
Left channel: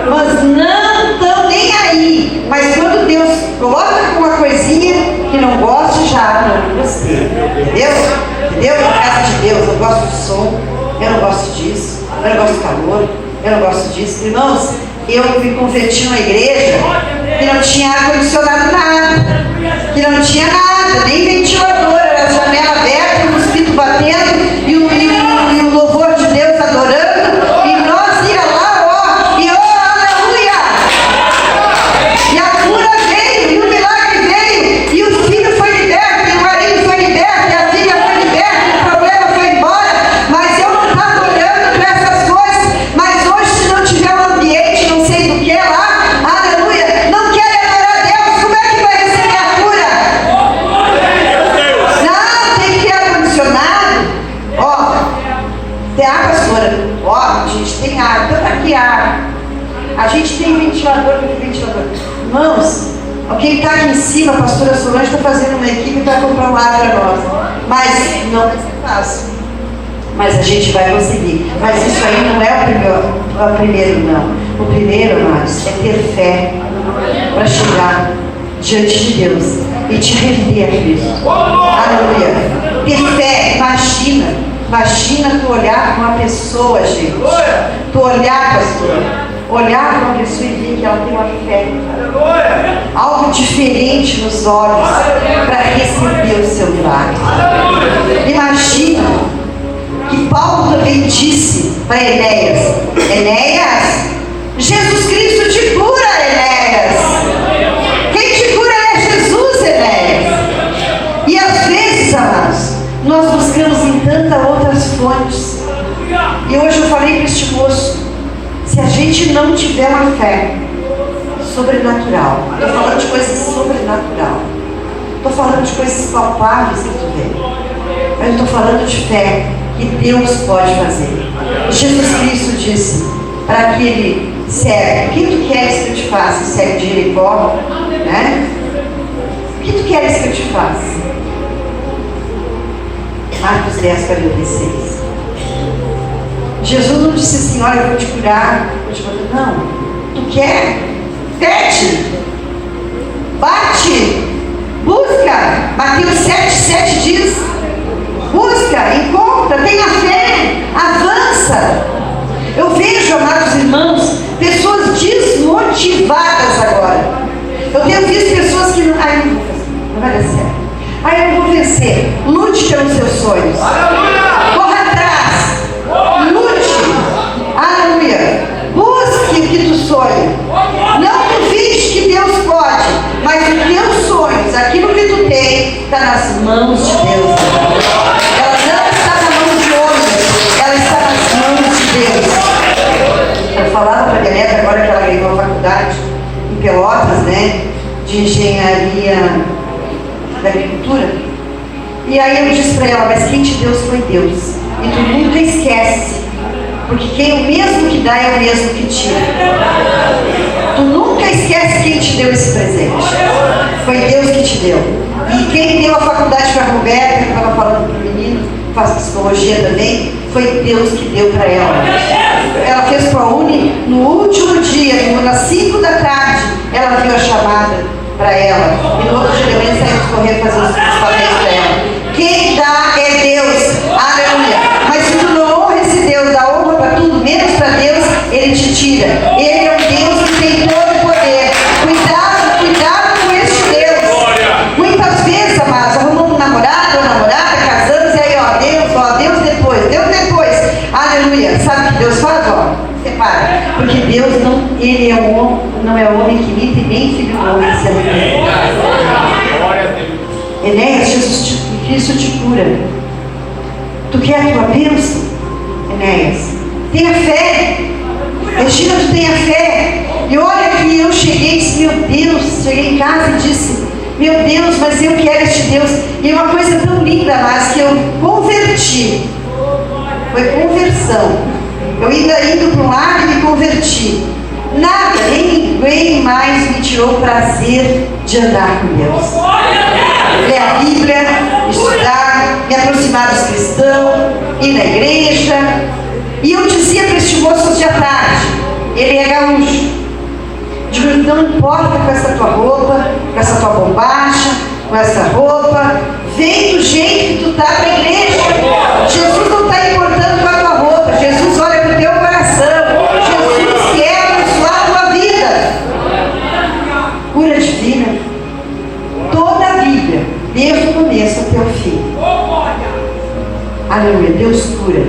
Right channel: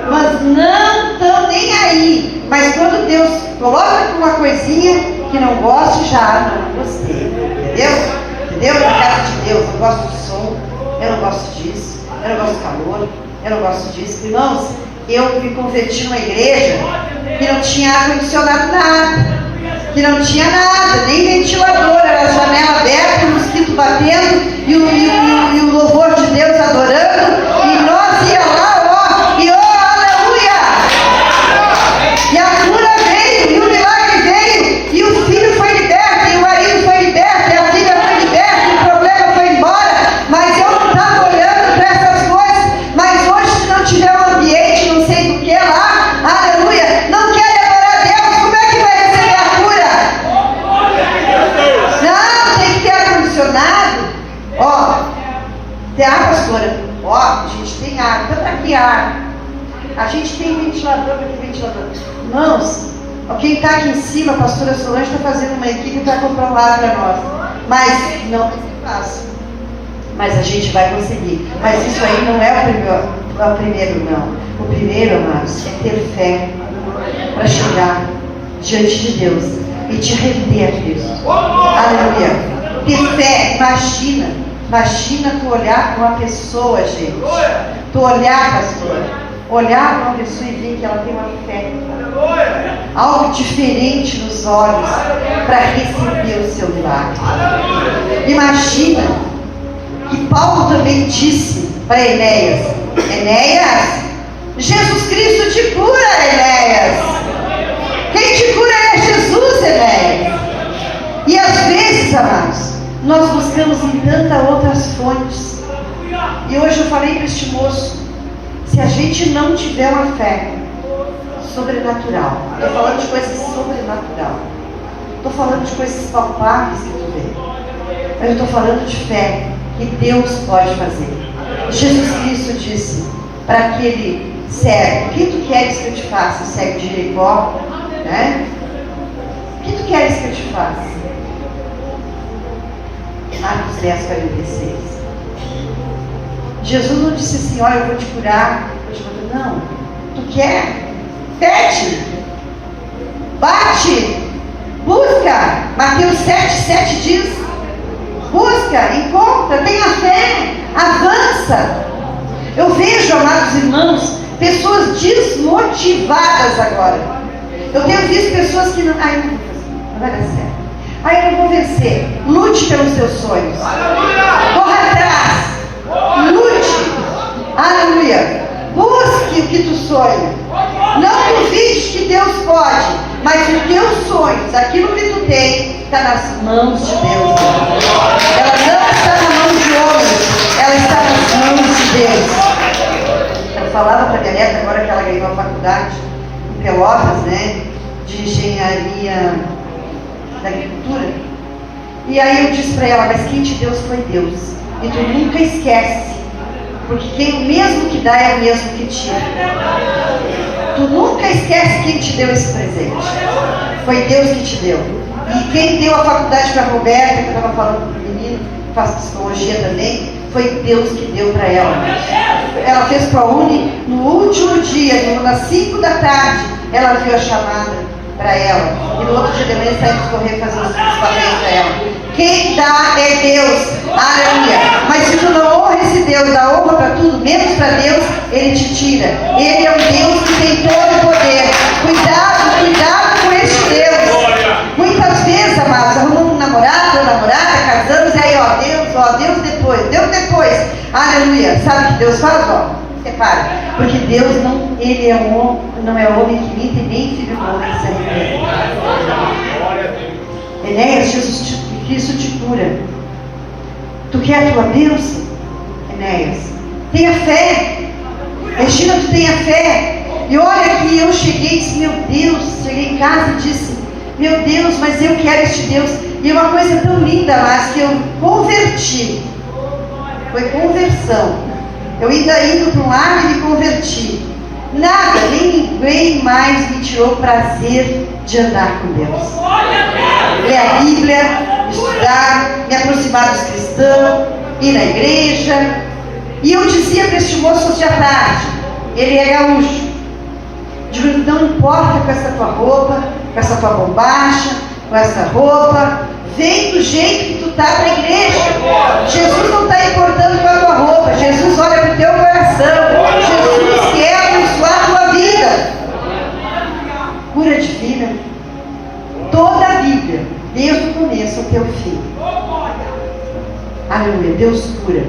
mas não estão nem aí. Mas quando Deus coloca uma coisinha que não gosta, já não gostei. Entendeu? Na casa de Deus, eu gosto do som, eu não gosto disso, eu não gosto do calor, eu não gosto disso. Irmãos, eu me converti numa igreja que não tinha ar-condicionado nada, que não tinha nada, nem ventilador, era a janela aberta, o mosquito batendo e o louvor de Deus adorando, e nós ia lá, ó, e ó, aleluia! E a cura veio, e o milagre veio, e o filho foi liberto, e o marido foi liberto, e a filha foi liberta, e o problema foi embora, mas eu não estava olhando para essas coisas. Mas hoje, se não tiver um ambiente, não sei do que lá, aleluia, não quer adorar a Deus, como é que vai receber a cura? Não, tem que ter ar-condicionado. Ó, tem ar, pastora? Ó, a gente tem ar, então para que ar? A gente tem ventilador, para que ventilador? Irmãos, quem está aqui em cima, a pastora Solange está fazendo uma equipe para comprar um ar para nós. Mas não vai ser fácil. Mas a gente vai conseguir. Mas isso aí não é o primeiro, não. O primeiro, amados, é ter fé para chegar diante de Deus e te render a Cristo. Aleluia. Ter fé, imagina tu olhar para uma pessoa, gente. Tu olhar, pastor, olhar para uma pessoa e ver que ela tem uma fé. Algo diferente nos olhos para receber o seu milagre. Imagina que Paulo também disse para Enéas: Enéas, Jesus Cristo te cura, Enéas. Quem te cura é Jesus, Enéas. E às vezes, amados, nós buscamos em tantas outras fontes. E hoje eu falei para este moço: se a gente não tiver uma fé sobrenatural, estou falando de coisas sobrenatural, estou falando de coisas palpáveis que tu vê, eu estou falando de fé que Deus pode fazer. Jesus Cristo disse para aquele cego: o que tu queres que eu te faça? O cego de Jericó, né? O que tu queres que eu te faça? Marcos 10, 46. Jesus não disse assim: olha, eu vou te curar. Não. Tu quer? Pede. Bate. Busca. Mateus 7 diz: busca, encontra, tenha fé, avança. Eu vejo, amados irmãos, pessoas desmotivadas agora. Eu tenho visto pessoas que não vai dar certo. Eu não vou vencer. Lute pelos seus sonhos. Corra atrás. Lute. Aleluia. Busque o que tu sonha. Não duvide que Deus pode, mas os teus sonhos, aquilo que tu tem, está nas mãos de Deus. Ela não está na mão de homens, ela está nas mãos de Deus. Eu falava para a minha neta, agora que ela ganhou a faculdade em Pelotas, né, de engenharia da agricultura, e aí eu disse para ela: mas quem te deu foi Deus, e tu nunca esquece, porque quem o mesmo que dá é o mesmo que tira. Tu nunca esquece quem te deu esse presente. Foi Deus que te deu. E quem deu a faculdade para a Roberta, que estava falando para o menino, faz psicologia também, foi Deus que deu para ela. Ela fez ProUni no último dia, às 5 da tarde, ela viu a chamada para ela. E no outro dia também saímos correr fazer os papéis para ela. Quem dá é Deus. Aleluia. Mas se tu não honra esse Deus, dá honra para tudo, menos para Deus, Ele te tira. Ele é um Deus que tem todo o poder. Cuidado, cuidado com este Deus. Muitas vezes, amados, arrumamos um namorado ou namorada, casamos, e aí, Deus depois. Aleluia. Sabe o que Deus faz? Separa. Porque Deus não, ele é não é homem que imita e nem filho do homem que se arrepende. Enéas, Cristo te cura. Tu quer a tua bênção? Enéas, tenha fé. Regina, tu tenha fé. E olha que eu cheguei em casa e disse, meu Deus, mas eu quero este Deus. E uma coisa tão linda, mas que eu converti. Foi conversão. Eu indo para um lado e me converti. Nada, nem ninguém mais me tirou o prazer de andar com Deus. Ler a Bíblia, estudar, me aproximar dos cristãos, ir na igreja. E eu dizia para este moço de à tarde, ele é gaúcho. Digo, não importa com essa tua roupa, com essa tua bombacha, com essa roupa, vem do jeito que tu está para a igreja. Jesus não está importando com a tua roupa, Jesus olha para o teu coração. Jesus quer abençoar a tua vida. Cura divina. Toda a Bíblia, desde o começo até o fim. Aleluia, Deus cura.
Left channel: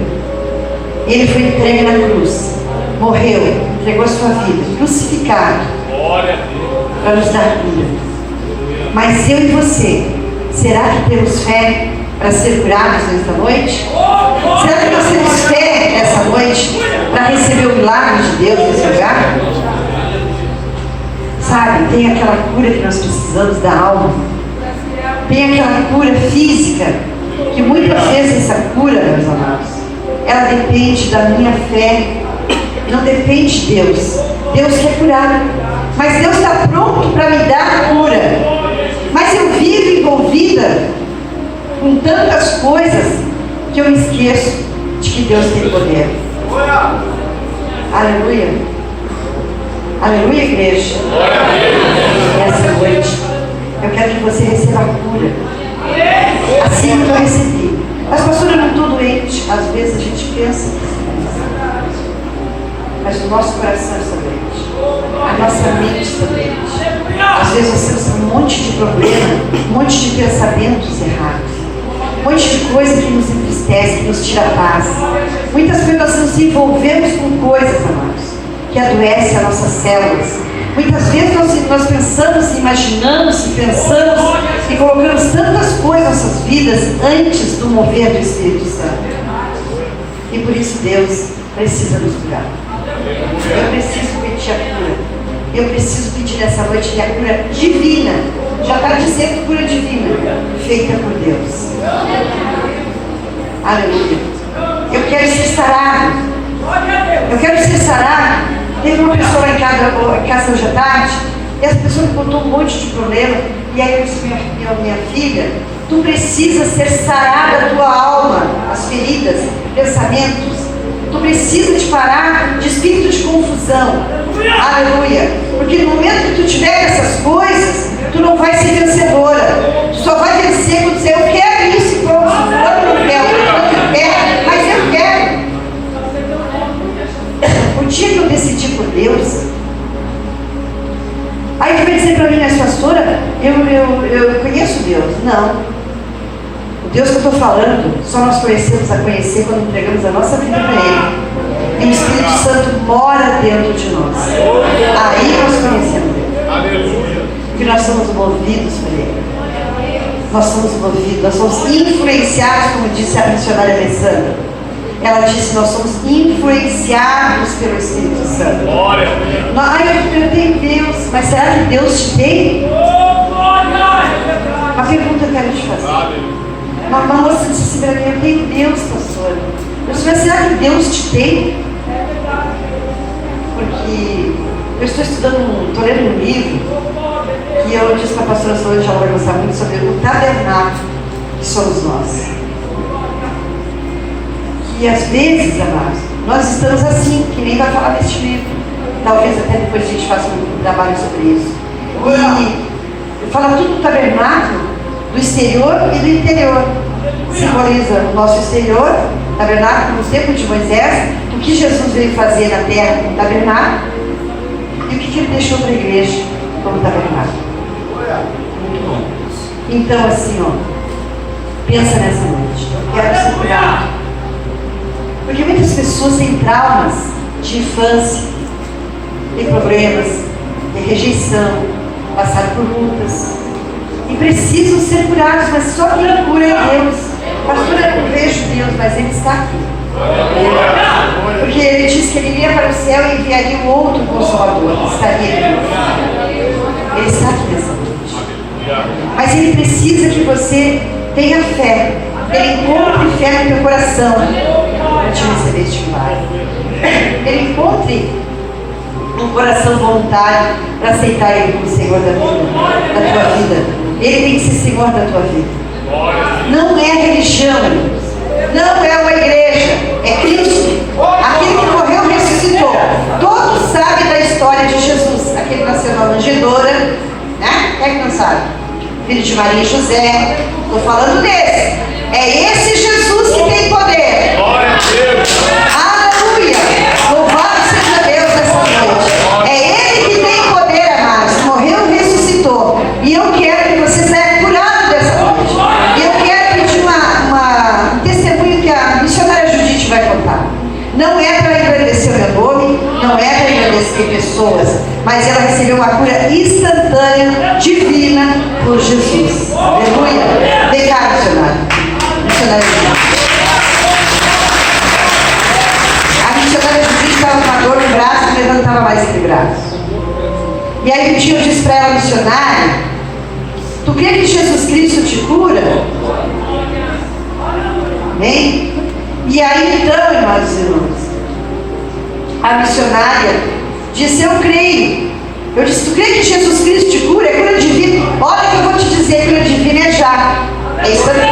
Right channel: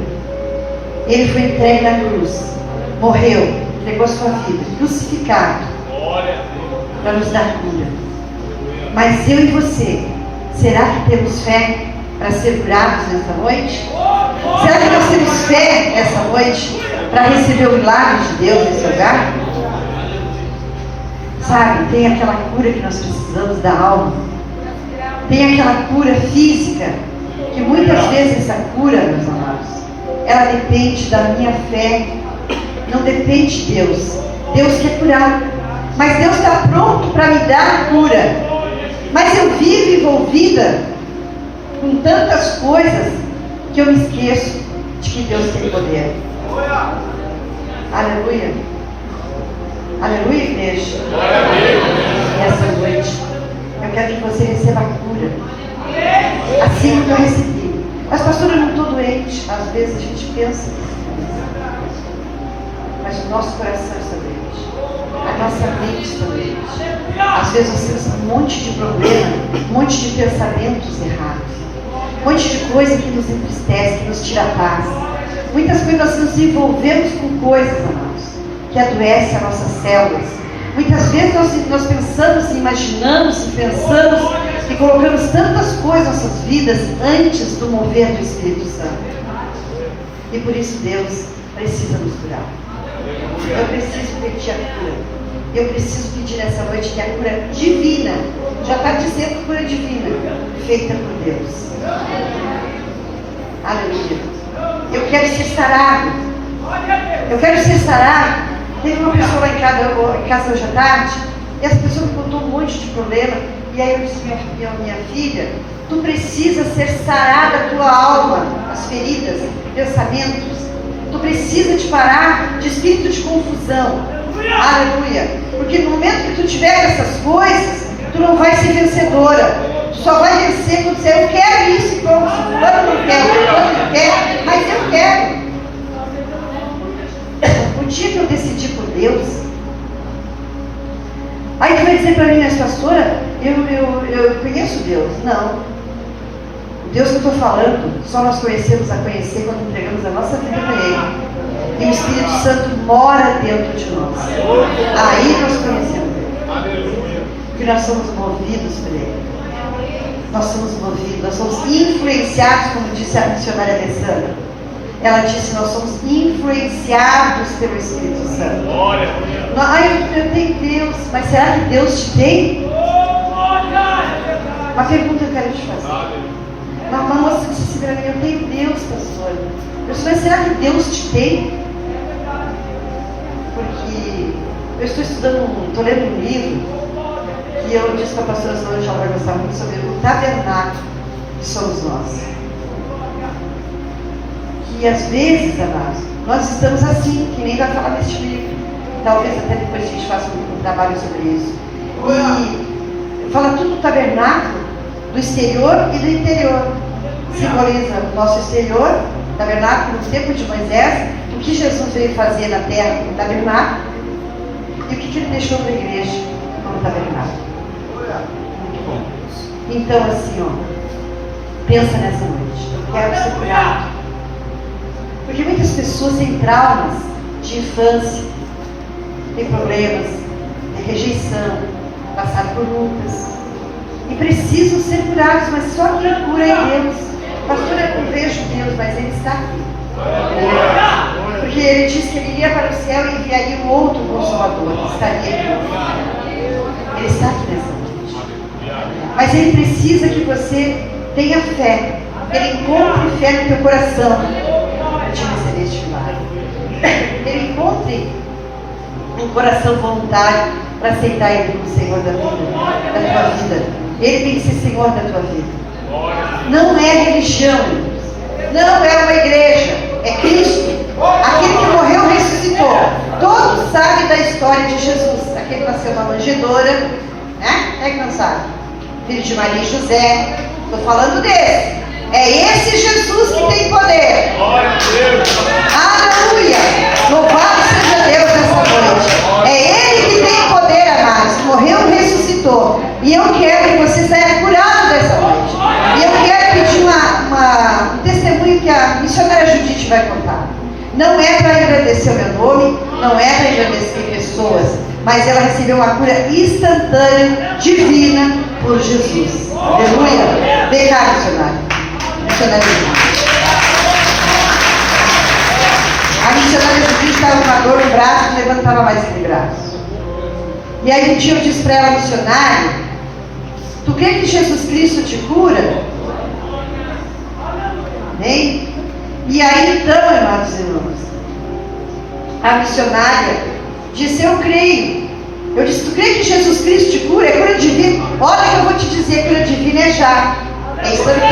Ele foi entregue na cruz, morreu, entregou a sua vida, crucificado, para nos dar cura. Mas eu e você, será que temos fé para ser curados nesta noite? Será que nós temos fé nessa noite para receber o milagre de Deus nesse lugar? Sabe, tem aquela cura que nós precisamos da alma, tem aquela cura física, que muitas vezes essa cura, meus amados, ela depende da minha fé, não depende de Deus. Deus quer curar, mas Deus está pronto para me dar a cura. Mas eu vivo envolvida com tantas coisas que eu me esqueço de que Deus tem poder. Aleluia. Aleluia, igreja. Nessa noite, eu quero que você receba a cura, assim como eu recebi. Mas pastora, eu não estou doente. Às vezes a gente pensa, mas o nosso coração está doente, a nossa mente está doente. Às vezes nós temos um monte de problema, um monte de pensamentos errados, um monte de coisa que nos entristece, que nos tira a paz. Muitas vezes nós nos envolvemos com coisas, amados, que adoecem as nossas células. Muitas vezes nós pensamos, imaginamos e pensamos e colocamos tantas coisas em nossas vidas antes do mover do Espírito Santo. E por isso Deus precisa nos curar. Eu preciso pedir a cura. Eu preciso pedir nessa noite que a cura divina, já está dizendo cura divina, feita por Deus. Aleluia. Eu quero ser sarado. Eu quero ser sarado. Teve uma pessoa lá em casa hoje à tarde, e essa pessoa me contou um monte de problema, e aí eu disse, minha filha, tu precisa ser sarada a tua alma, as feridas, pensamentos. Tu precisa de parar de espírito de confusão. Aleluia. Porque no momento que tu tiver essas coisas, tu não vai ser vencedora. Tu só vai vencer quando dizer, eu quero isso, e pronto, eu não quero, mas eu quero. O dia que eu decidi por Deus, aí tu vai dizer para mim, mas pastora, eu conheço Deus. Não. O Deus que eu estou falando, só nós conhecemos a conhecer quando entregamos a nossa vida para Ele. E o Espírito Santo mora dentro de nós. Aí nós conhecemos Ele. Porque nós somos movidos por Ele. Nós somos movidos, nós somos influenciados, como disse a missionária Alessandra. Ela disse, nós somos influenciados pelo Espírito Santo. Eu tenho Deus, mas será que Deus te tem? Uma pergunta eu quero te fazer. Uma moça disse para mim, eu tenho Deus, pastor. Eu disse, mas será que Deus te tem? Porque eu estou estudando, estou lendo um livro, que eu disse para a pastora Solange, ela vai gostar muito, sobre o tabernáculo que somos nós. Que às vezes, amados, nós estamos assim, que nem vai falar neste livro. Talvez até depois a gente faça um trabalho sobre isso. E fala tudo do tabernáculo, do exterior e do interior. Simboliza o nosso exterior Tabernáculo no tempo de Moisés, o que Jesus veio fazer na terra como tabernáculo e o que ele deixou para a igreja como tabernáculo. Muito bom. Então, assim, ó, pensa nessa noite. Quero ser curado. Porque muitas pessoas têm traumas de infância, têm problemas, têm rejeição, passaram por lutas e precisam ser curados, mas só quem cura é Deus. Pastora, eu vejo Deus, mas Ele está aqui. Porque Ele disse que Ele iria para o céu e enviaria um outro Consolador, que estaria aqui. Ele está aqui nessa noite. Mas Ele precisa que você tenha fé. Ele encontre fé no teu coração para te receber este milagre. Ele encontre um coração voluntário para aceitar Ele como Senhor da tua vida. Ele tem que ser Senhor da tua vida. Não é religião, não é uma igreja, é Cristo, aquele que morreu e ressuscitou. Todos sabem da história de Jesus, aquele que nasceu na manjedoura, né? É que não sabe? Filho de Maria e José, estou falando desse. É esse Jesus que tem poder. Aleluia! Louvado seja Deus nessa noite. É Ele que tem poder, amados. Morreu e ressuscitou. E eu quero que você saia curado dessa noite. E eu quero pedir um testemunho que a missionária Judite vai contar. Não é para engrandecer o meu nome, não é para engrandecer pessoas, mas ela recebeu uma cura instantânea, divina, por Jesus. Aleluia! Vem cá, missionária. A missionária Judite estava com a dor no braço e não estava mais equilibrado. E aí um dia eu disse para ela, missionária, tu crê que Jesus Cristo te cura? Amém? E aí então, irmãos e irmãos, a missionária disse, eu creio. Eu disse, tu crê que Jesus Cristo te cura? É cura divina. Olha que eu vou te dizer, cura divina é já. É instantâneo.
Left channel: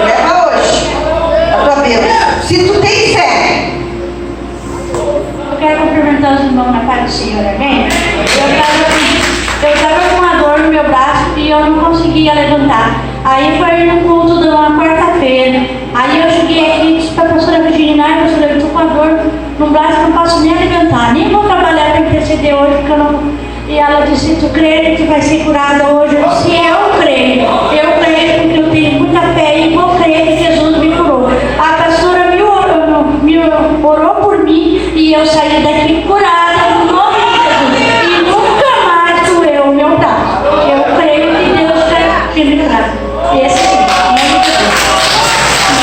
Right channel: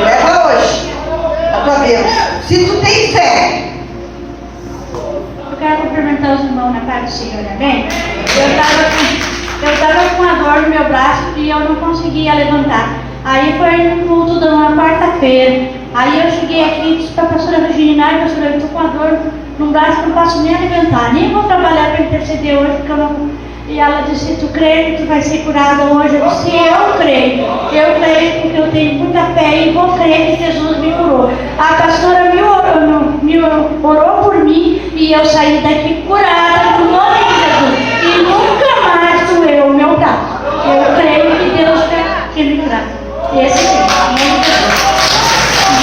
Leva hoje a tua bênção. Se tu tem fé. Eu quero cumprimentar os irmãos na paz do Senhor, amém? Eu estava com uma dor no meu braço e eu não conseguia levantar. Aí foi no culto de uma quarta-feira. Aí eu cheguei aqui e disse para a pastora Virginia, pastora, eu estou com a dor no braço, não posso nem alimentar, nem vou trabalhar para interceder hoje, porque eu não... E ela disse, tu crê que vai ser curada hoje? Eu disse, eu creio porque eu tenho muita fé e vou crer que Jesus me curou. A pastora me orou por mim e eu saí daqui curada no nome de Jesus. E nunca mais doeu o meu braço. Eu creio que Deus está me curando. Esse sim.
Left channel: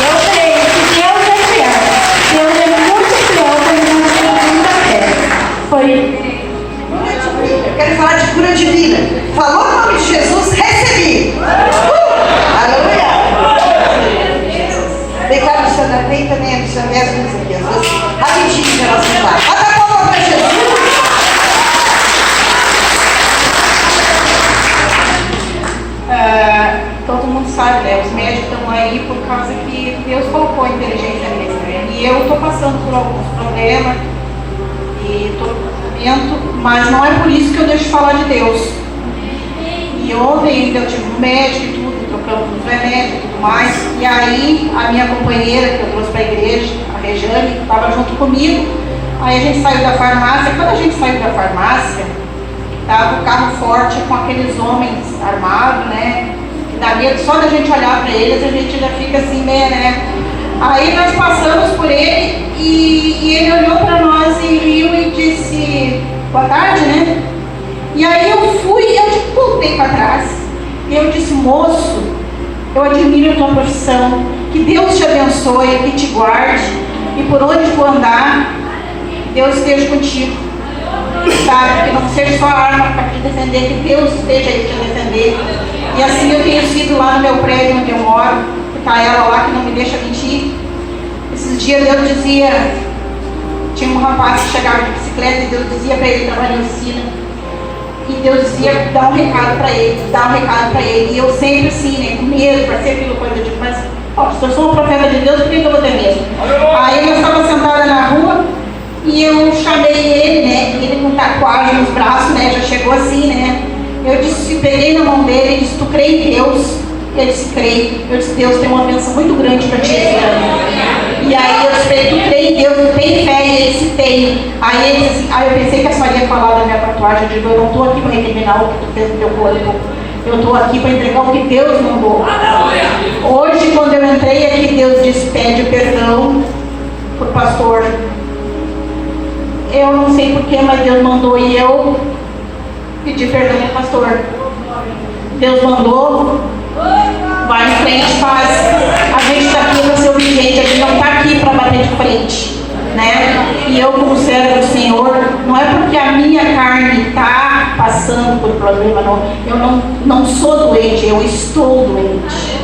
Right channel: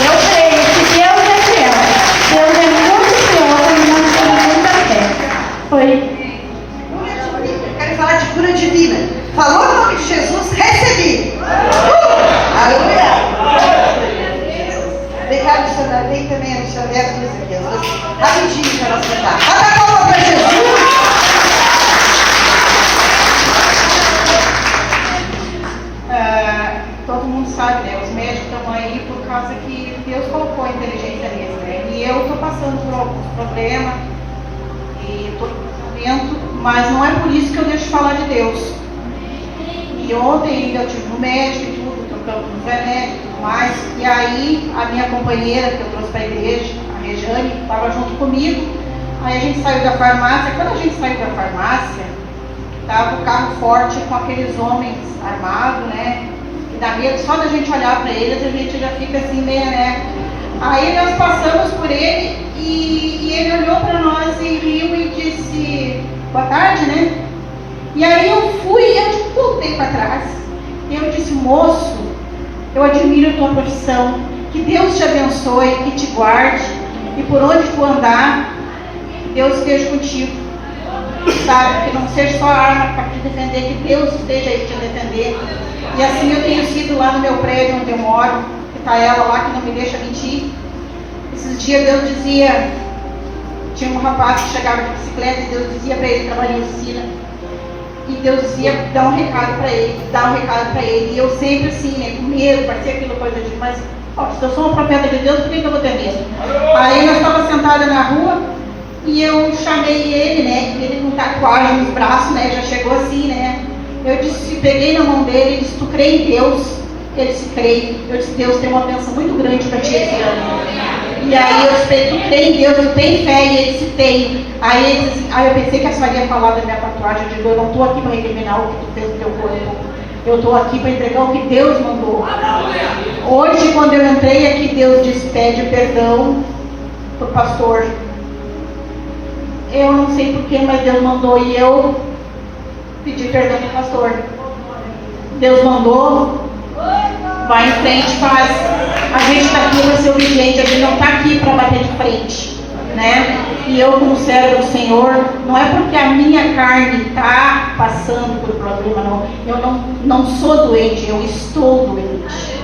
Eu creio que Deus é fiel. Deus é muito fiel quando nós temos muita fé. Foi. Eu quero falar de cura divina. Falou o nome de Jesus, recebi. Aleluia. Declaro o Senhor, tem também a missionária aqui. Rapidinho para você falar. Bota a palma para Jesus. Todo mundo sabe, né? Os médicos estão aí por causa que Deus colocou a inteligência neles, né? E eu estou passando por alguns problemas e estou no tratamento, mas não é por isso que eu deixo de falar de Deus. E ontem ainda eu tive um médico e tudo, trocamos uns remédios e tudo mais. E aí a minha companheira, que eu trouxe para a igreja, a Rejane, estava junto comigo. Aí a gente saiu da farmácia. Quando a gente saiu da farmácia, estava o carro forte com aqueles homens armados, né? Que dá medo só da gente olhar para eles, a gente já fica assim, né? Aí nós passamos por ele e ele olhou para nós e riu e disse, boa tarde, né? E aí eu fui, eu voltei para trás e eu disse, moço, eu admiro a tua profissão, que Deus te abençoe, que te guarde e por onde tu andar, Deus esteja contigo, sabe? Que não seja só arma para te defender, que Deus esteja aí te defender. E assim eu tenho sido lá no meu prédio onde eu moro, que está ela lá que não me deixa mentir. Esses dias Deus dizia, tinha um rapaz que chegava de bicicleta e Deus dizia para ele trabalhar em oficina. E Deus dizia, dá um recado para ele, dá um recado para ele. E eu sempre assim, né, com medo, para ser aquilo coisa de mas, se eu sou uma profeta de Deus, por que eu vou ter medo? Aí eu estava sentada na rua e eu chamei ele, né, ele com tatuagem nos braços, né, já chegou assim, né. Eu disse, peguei na mão dele e disse, tu crê em Deus? Ele disse, creio. Eu disse, Deus tem uma bênção muito grande para ti esse ano. E E aí eu disse, tu tem Deus, tu tem fé, e ele disse, tem. Aí eu pensei que a senhora ia falar da minha tatuagem. Eu digo, eu não estou aqui para recriminar o que tu fez no teu corpo. Eu estou aqui para entregar o que Deus mandou. Hoje, quando eu entrei aqui, Deus disse, pede perdão pro pastor. Eu não sei porquê, mas Deus mandou e eu pedi perdão pro pastor. Deus mandou, vai em frente, faz. A gente está aqui para ser obediente, a gente não está aqui para bater de frente, né? E eu, como servo do Senhor, não é porque a minha carne está passando por problema, não. Eu não sou doente, eu estou doente.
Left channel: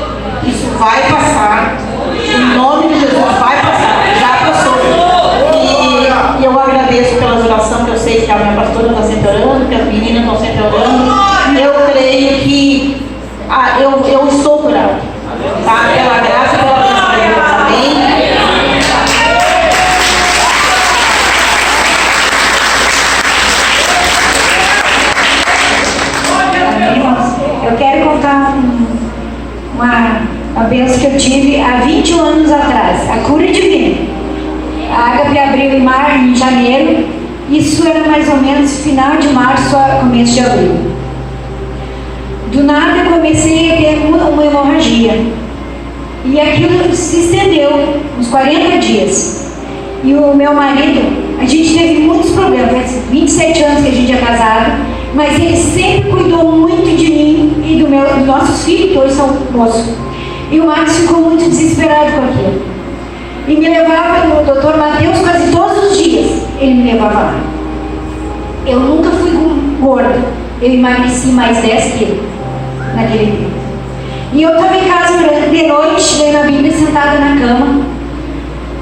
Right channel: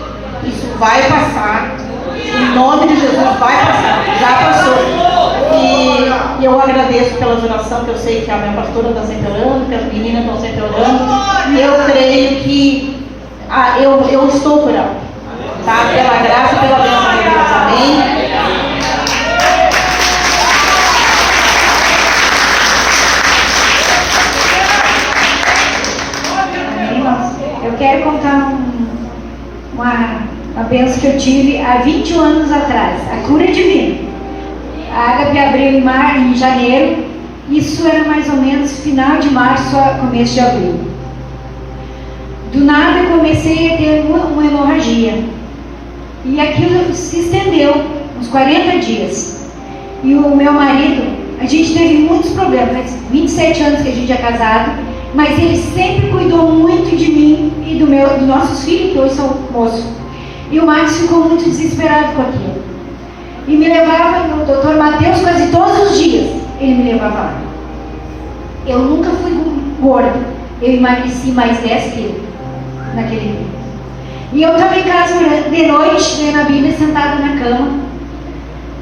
Isso vai passar. Em nome de Jesus, vai passar. Já passou. E eu agradeço pela oração, que eu sei que a minha pastora está sempre orando, que as meninas estão sempre orando. E eu creio que eu estou curada. Tá? Pela graça e pela bênção de Deus. Amém? Eu quero contar uma bênção que eu tive há 21 anos atrás, a cura divina. A Ágape abriu em janeiro, isso era mais ou menos final de março a começo de abril. Do nada eu comecei a ter uma hemorragia, e aquilo se estendeu uns 40 dias. E o meu marido, a gente teve muitos problemas, faz 27 anos que a gente é casado, mas ele sempre cuidou muito de mim e dos nossos filhos, que hoje são moços. E o Max ficou muito desesperado com aquilo. E me levava no Dr. Mateus quase todos os dias. Ele me levava lá. Eu nunca fui gorda. Eu emagreci mais 10 quilos naquele dia. E eu estava em casa de noite, lendo a Bíblia, sentada na cama.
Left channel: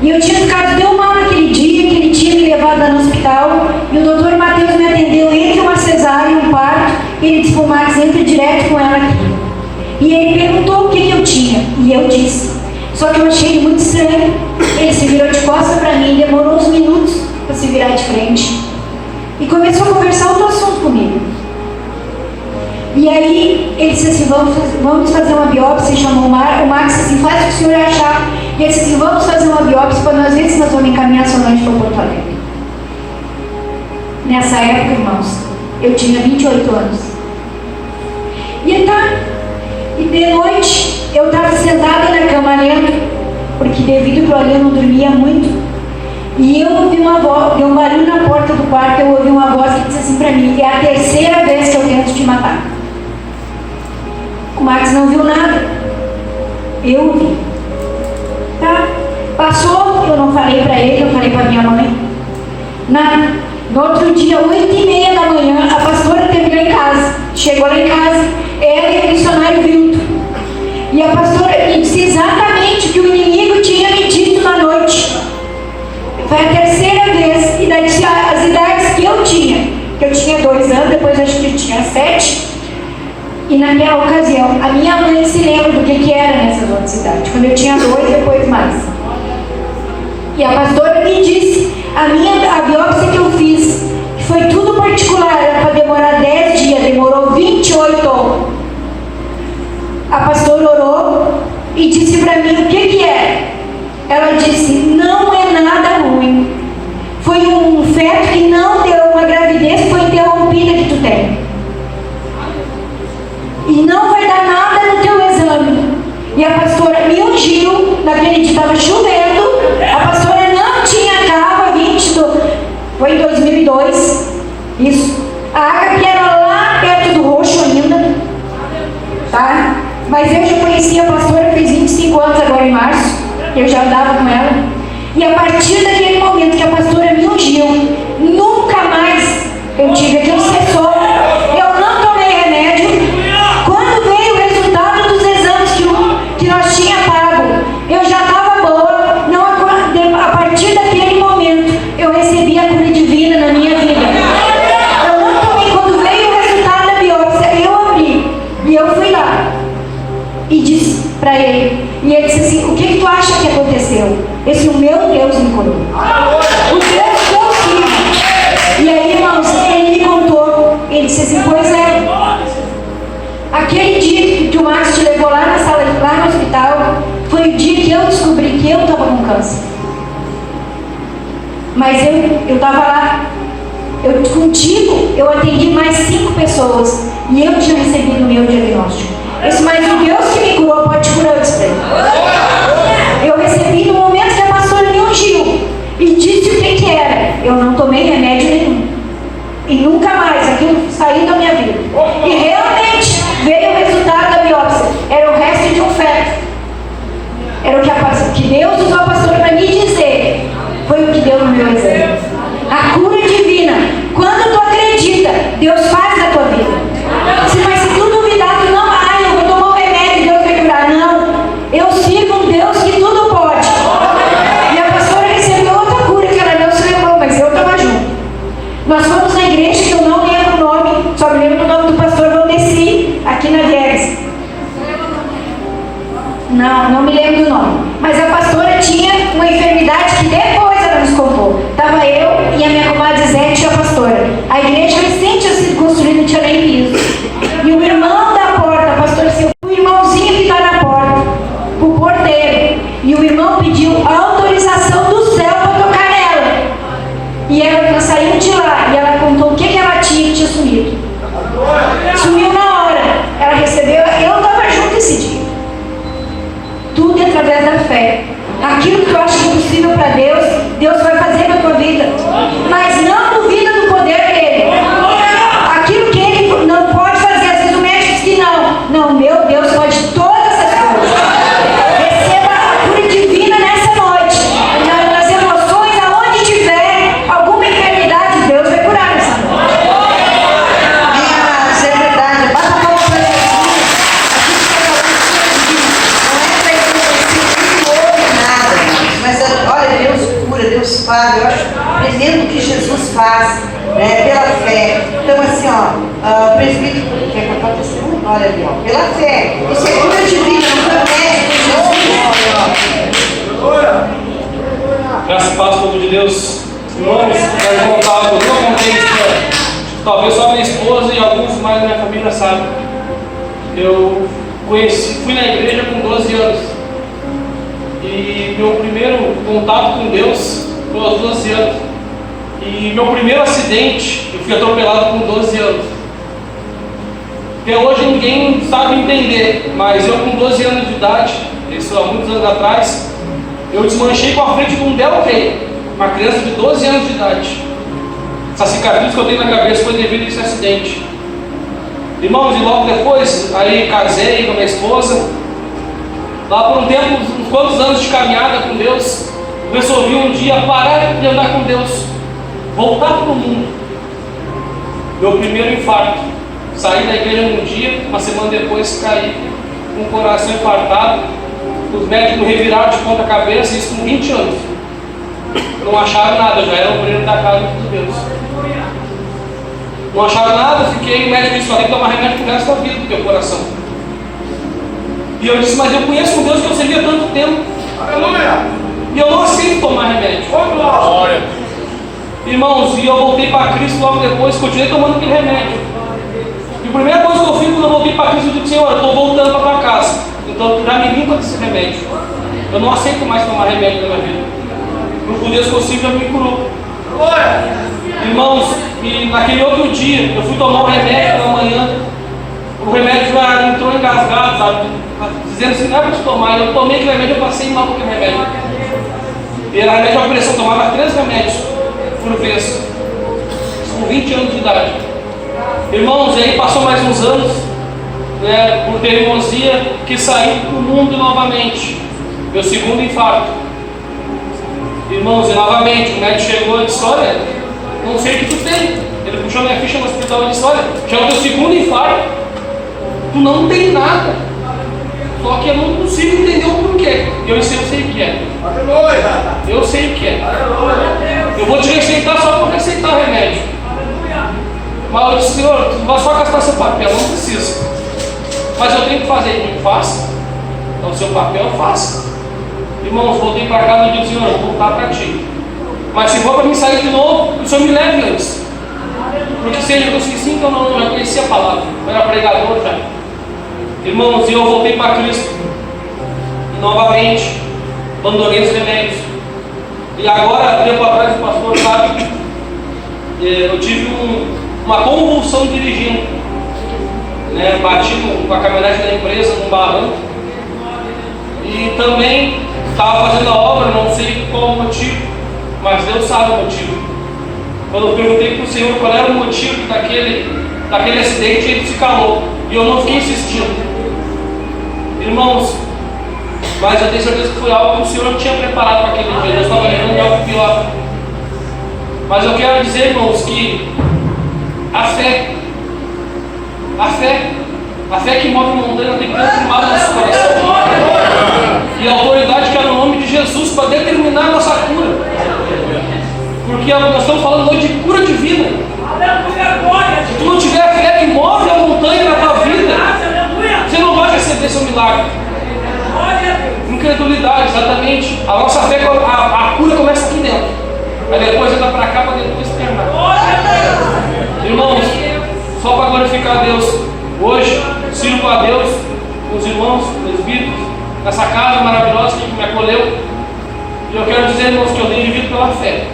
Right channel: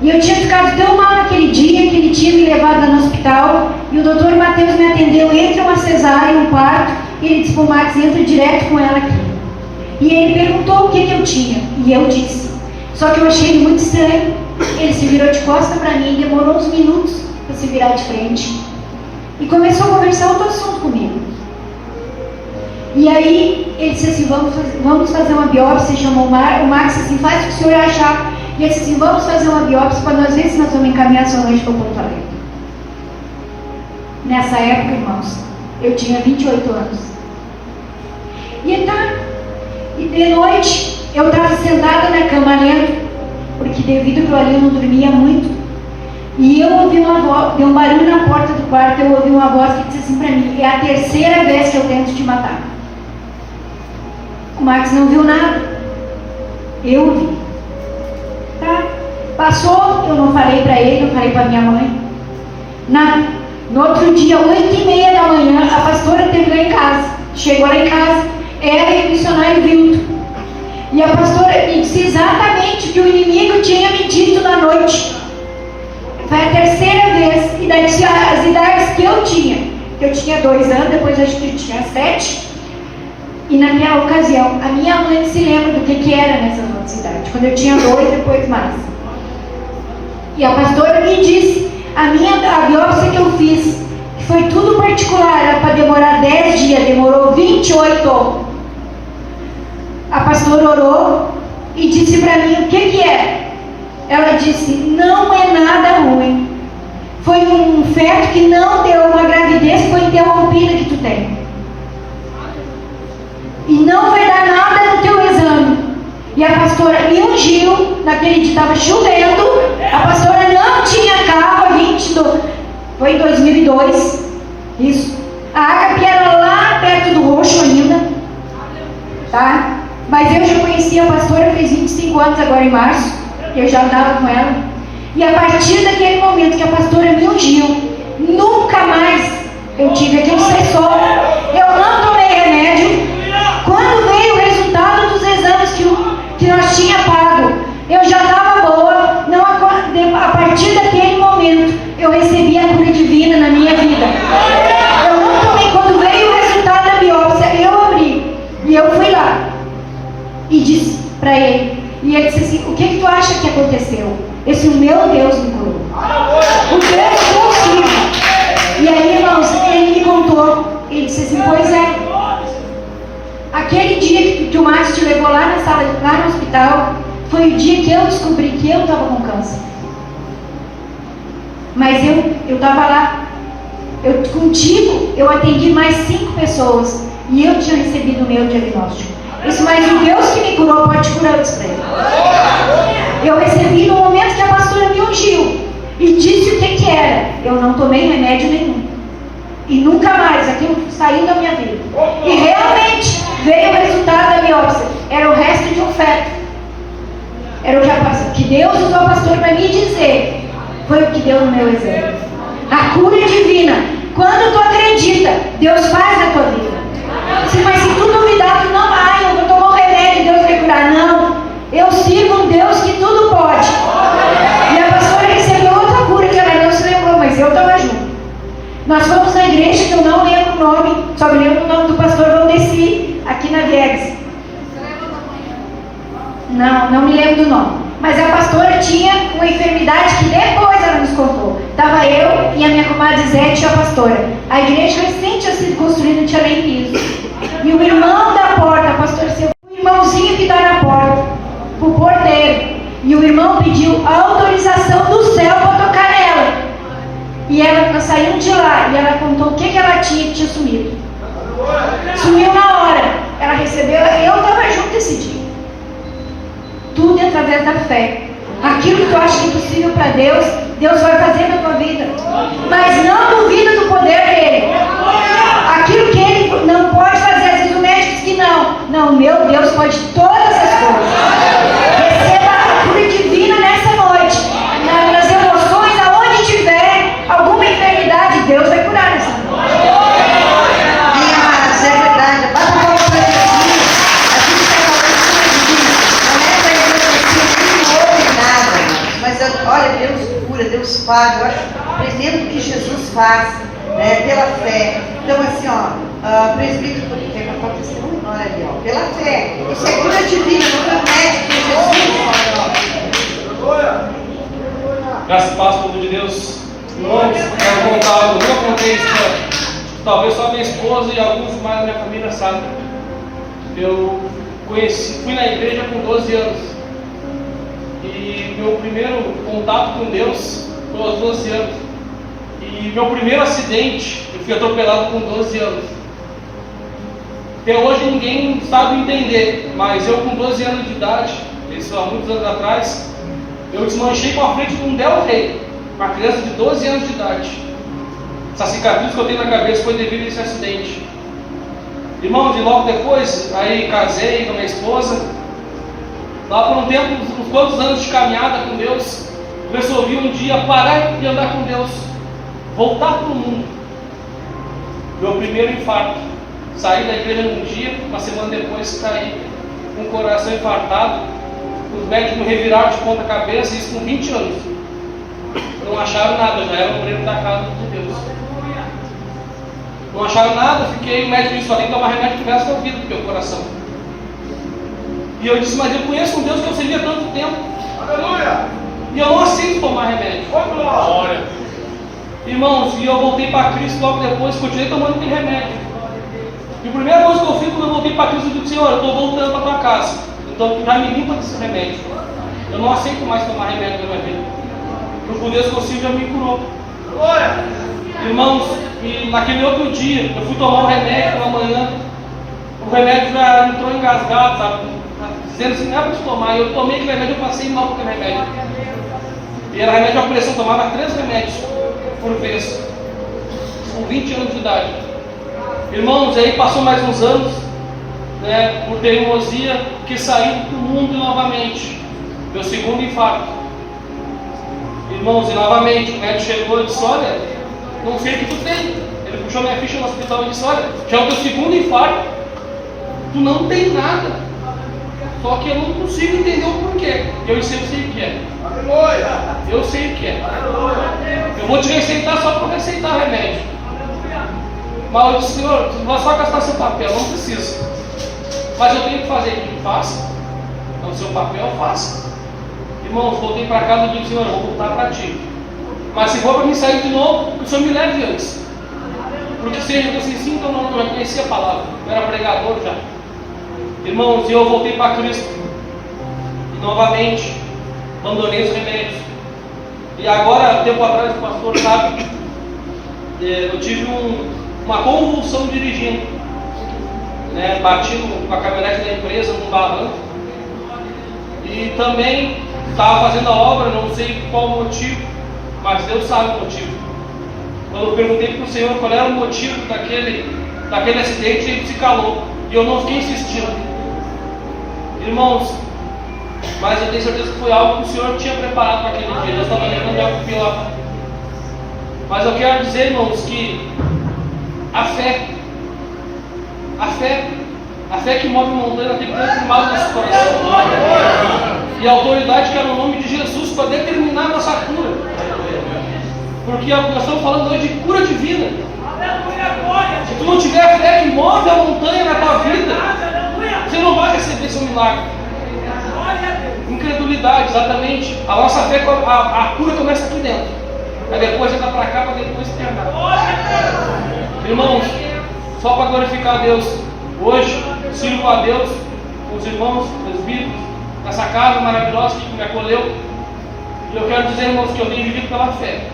E eu tinha ficado tão mal naquele dia que ele tinha me levado lá no hospital. E o Dr. Mateus me atendeu entre uma cesárea e um parto. E ele disse para o Max, entre direto com ela aqui. E ele perguntou o que eu tinha. E eu disse. Só que eu achei ele muito estranho. Ele se virou de costas para mim, demorou uns minutos para se virar de frente. E começou a conversar outro assunto comigo. E aí ele disse assim, vamos fazer uma biópsia. E chamou o Max assim, faz o que o senhor achar. E ele disse assim, vamos fazer uma biópsia para nós ver se nós vamos encaminhar sua mãe para Porto Alegre. Nessa época, irmãos, eu tinha 28 anos. E de noite, eu estava sentada na cama lendo, porque devido ao problema eu não dormia muito. E eu ouvi uma voz, deu um barulho na porta do quarto, eu ouvi uma voz que disse assim para mim, é a terceira vez que eu tento te matar. O Max não viu nada. Eu vi. Tá? Passou, eu não falei para ele, não falei para minha mãe. Nada. No outro dia, 8h30 da manhã, a pastora teve lá em casa. Chegou lá em casa, ela e o missionário Vilto. E a pastora me disse exatamente o que o inimigo tinha me dito na noite. Foi a terceira vez. E daí as idades que eu tinha 2 anos, depois acho que eu tinha 7. E naquela ocasião, a minha mãe se lembra do que era nessas outras idades. Quando eu tinha 2, depois mais. E a pastora me disse, a biópsia que eu fiz, que foi tudo particular, era para demorar 10 dias, demorou 28. A pastora orou e disse para mim o que é. Ela disse, não é nada ruim. Foi um feto que não deu, uma gravidez que foi interrompida que tu tem. E não vai dar nada no teu exame. E a pastora me ungiu, naquele dia estava chovendo, a pastora não tinha carro, foi em 2002, isso. A Ágape era lá perto do Roxo ainda, tá? Mas eu já conhecia a pastora, fez 25 anos agora em março, eu já andava com ela. E a partir daquele momento que a pastora me ungiu, nunca mais eu tive aquele cessou. Eu não tomei remédio. Quando veio o resultado dos exames que nós tínhamos pago, eu já estava boa. Não, a partir daquele momento, eu recebi a cura divina na minha vida. Eu não tomei. Quando veio o resultado da biópsia, eu abri. E eu fui lá. E disse para ele. E ele disse assim, o que tu acha que aconteceu? Esse o meu Deus me curou. O Deus consigo. E aí, irmãos, ele me contou. Ele disse assim, pois é. Aquele dia que o Márcio te levou lá na sala, lá no hospital, foi o dia que eu descobri que eu estava com câncer. Mas eu estava lá. Contigo, eu atendi mais 5 pessoas. E eu tinha recebido o meu diagnóstico. Isso, mas o Deus que me curou pode curar, eu disse pra ele. Eu recebi no momento que a pastora me ungiu. E disse o que era. Eu não tomei remédio nenhum. E nunca mais, aquilo saiu da minha vida. E realmente veio o resultado da biópsia. Era o resto de um feto. Era o que Deus usou a pastora para me dizer. Foi o que deu no meu exame. A cura divina. Quando tu acredita, Deus faz na tua vida. Mas se tu duvidar, tu não, eu vou tomar o remédio, Deus vai curar. Não. Eu sigo um Deus que tudo pode. E a pastora recebeu outra cura que ela não se lembrou, mas eu estava junto. Nós fomos na igreja que eu não lembro o nome, só me lembro o nome do pastor Valdeci, aqui na Viegas. Não me lembro do nome. Mas a pastora tinha uma enfermidade que depois ela nos contou. Estava eu e a minha comadre Zete e a pastora. A igreja recente tinha sido construída, não tinha nem piso. E o irmão da porta, a pastora disse, o irmãozinho que está na porta, o porteiro. E o irmão pediu a autorização do céu para tocar nela. E ela saiu de lá e ela contou o que ela tinha que tinha sumido. Sumiu na hora. Ela recebeu, eu estava junto esse dia. Tudo é através da fé. Aquilo que tu acha impossível para Deus, Deus vai fazer na tua vida. Mas não duvida do poder dele. Aquilo que ele não pode fazer, às vezes o médico diz que não. Não, meu Deus pode todas as coisas. Receba a cura divina nessa noite. Nas emoções, aonde tiver alguma enfermidade, Deus vai curar nessa noite. Minha amados, é verdade. Bata a palma pra mas olha, Deus cura, Deus faz. Eu acho tremendo o que Jesus faz, né, pela fé. Então, assim, ó, presbítero, quer contar o testemunho? Olha ali, ó, pela fé. Isso é cura divina, não foi médico, Jesus. Graças a Deus, povo de Deus. Irmãos, eu não contei isso, talvez só minha esposa e alguns mais da minha família sabem. Eu fui na igreja com 12 anos. E meu primeiro contato com Deus foi aos 12 anos. E meu primeiro acidente, eu fui atropelado com 12 anos. Até hoje ninguém sabe entender, mas eu com 12 anos de idade, isso há muitos anos atrás, eu desmanchei com a frente de um Del Rey, uma criança de 12 anos de idade. Essa cicatriz que eu tenho na cabeça foi devido a esse acidente. Irmãos, e logo depois, aí casei com a minha esposa. Lá por um tempo, uns quantos anos de caminhada com Deus, eu resolvi um dia parar de andar com Deus, voltar para o mundo. Meu primeiro infarto. Saí da igreja um dia, uma semana depois caí com o coração infartado. Os médicos reviraram de ponta cabeça, isso com 20 anos. Não acharam nada, já era o primeiro da casa de Deus. Não acharam nada, fiquei, o médico disse, vai ter que tomar remédio pro resto da vida do teu coração. E eu disse, mas eu conheço um Deus que eu servi há tanto tempo. Aleluia! E eu não aceito tomar remédio. Glória! Irmãos, e eu voltei para Cristo logo depois, continuei tomando aquele remédio. E a primeira coisa que eu fiz quando eu voltei para Cristo, eu disse, Senhor, eu estou voltando para tua casa. Então já me limpa desse remédio. Eu não aceito mais tomar remédio na minha vida. O Deus possível me curou. Glória! Irmãos, e naquele outro dia, eu fui tomar um remédio pela manhã. O remédio já entrou engasgado, sabe? Dizendo assim, não é para te tomar. Eu tomei aquele remédio, eu passei mal com aquele remédio. E era remédio de pressão, eu tomava 3 remédios por vez, com 20 anos de idade. Irmãos, aí passou mais uns anos, né, por teimosia, que saí para o mundo novamente. Meu segundo infarto. Irmãos, e novamente, o médico chegou e disse, olha, não sei o que tu tem. Ele puxou minha ficha no hospital e disse, olha, já é o teu segundo infarto, tu não tem nada. Só que eu não consigo entender o porquê. Eu sei o que é. Eu sei o que é. Eu vou te receitar só para receitar remédio. Mas eu disse, Senhor, tu vai só gastar seu papel, não precisa. Mas eu tenho que fazer, não faça. Então, seu papel, faça. Irmãos, voltei para casa e disse, Senhor, eu vou voltar para ti. Mas se for para mim sair de novo, o Senhor me leve antes. Porque seja, eu disse sim, então não, eu já conhecia a palavra. Eu era pregador já. Irmãos, e eu voltei para Cristo. E novamente, abandonei os remédios. E agora, tempo atrás, o pastor sabe, eu tive uma convulsão dirigindo, né? Bati com a caminhonete da empresa num barranco. E também estava fazendo a obra, não sei qual o motivo, mas Deus sabe o motivo. Quando eu perguntei para o Senhor qual era o motivo daquele acidente, ele se calou. E eu não fiquei insistindo. Irmãos, mas eu tenho certeza que foi algo que o Senhor tinha preparado para aquele dia. Deus estava levando algo pior. Mas eu quero dizer, irmãos, que a fé que move montanha tem que ter firmado no nosso coração. E a autoridade que é no nome de Jesus para determinar a nossa cura. Porque nós estamos falando hoje de cura divina. Se tu não tiver a fé que move a montanha na tua vida, você não vai receber seu milagre. Incredulidade, exatamente. A nossa fé, a cura começa aqui dentro. Aí depois anda para cá para depois terminar. Irmãos, só para glorificar a Deus, hoje sirvo a Deus com os irmãos, presbíteros, nessa casa maravilhosa que me acolheu. E eu quero dizer, irmãos, que eu tenho vivido pela fé.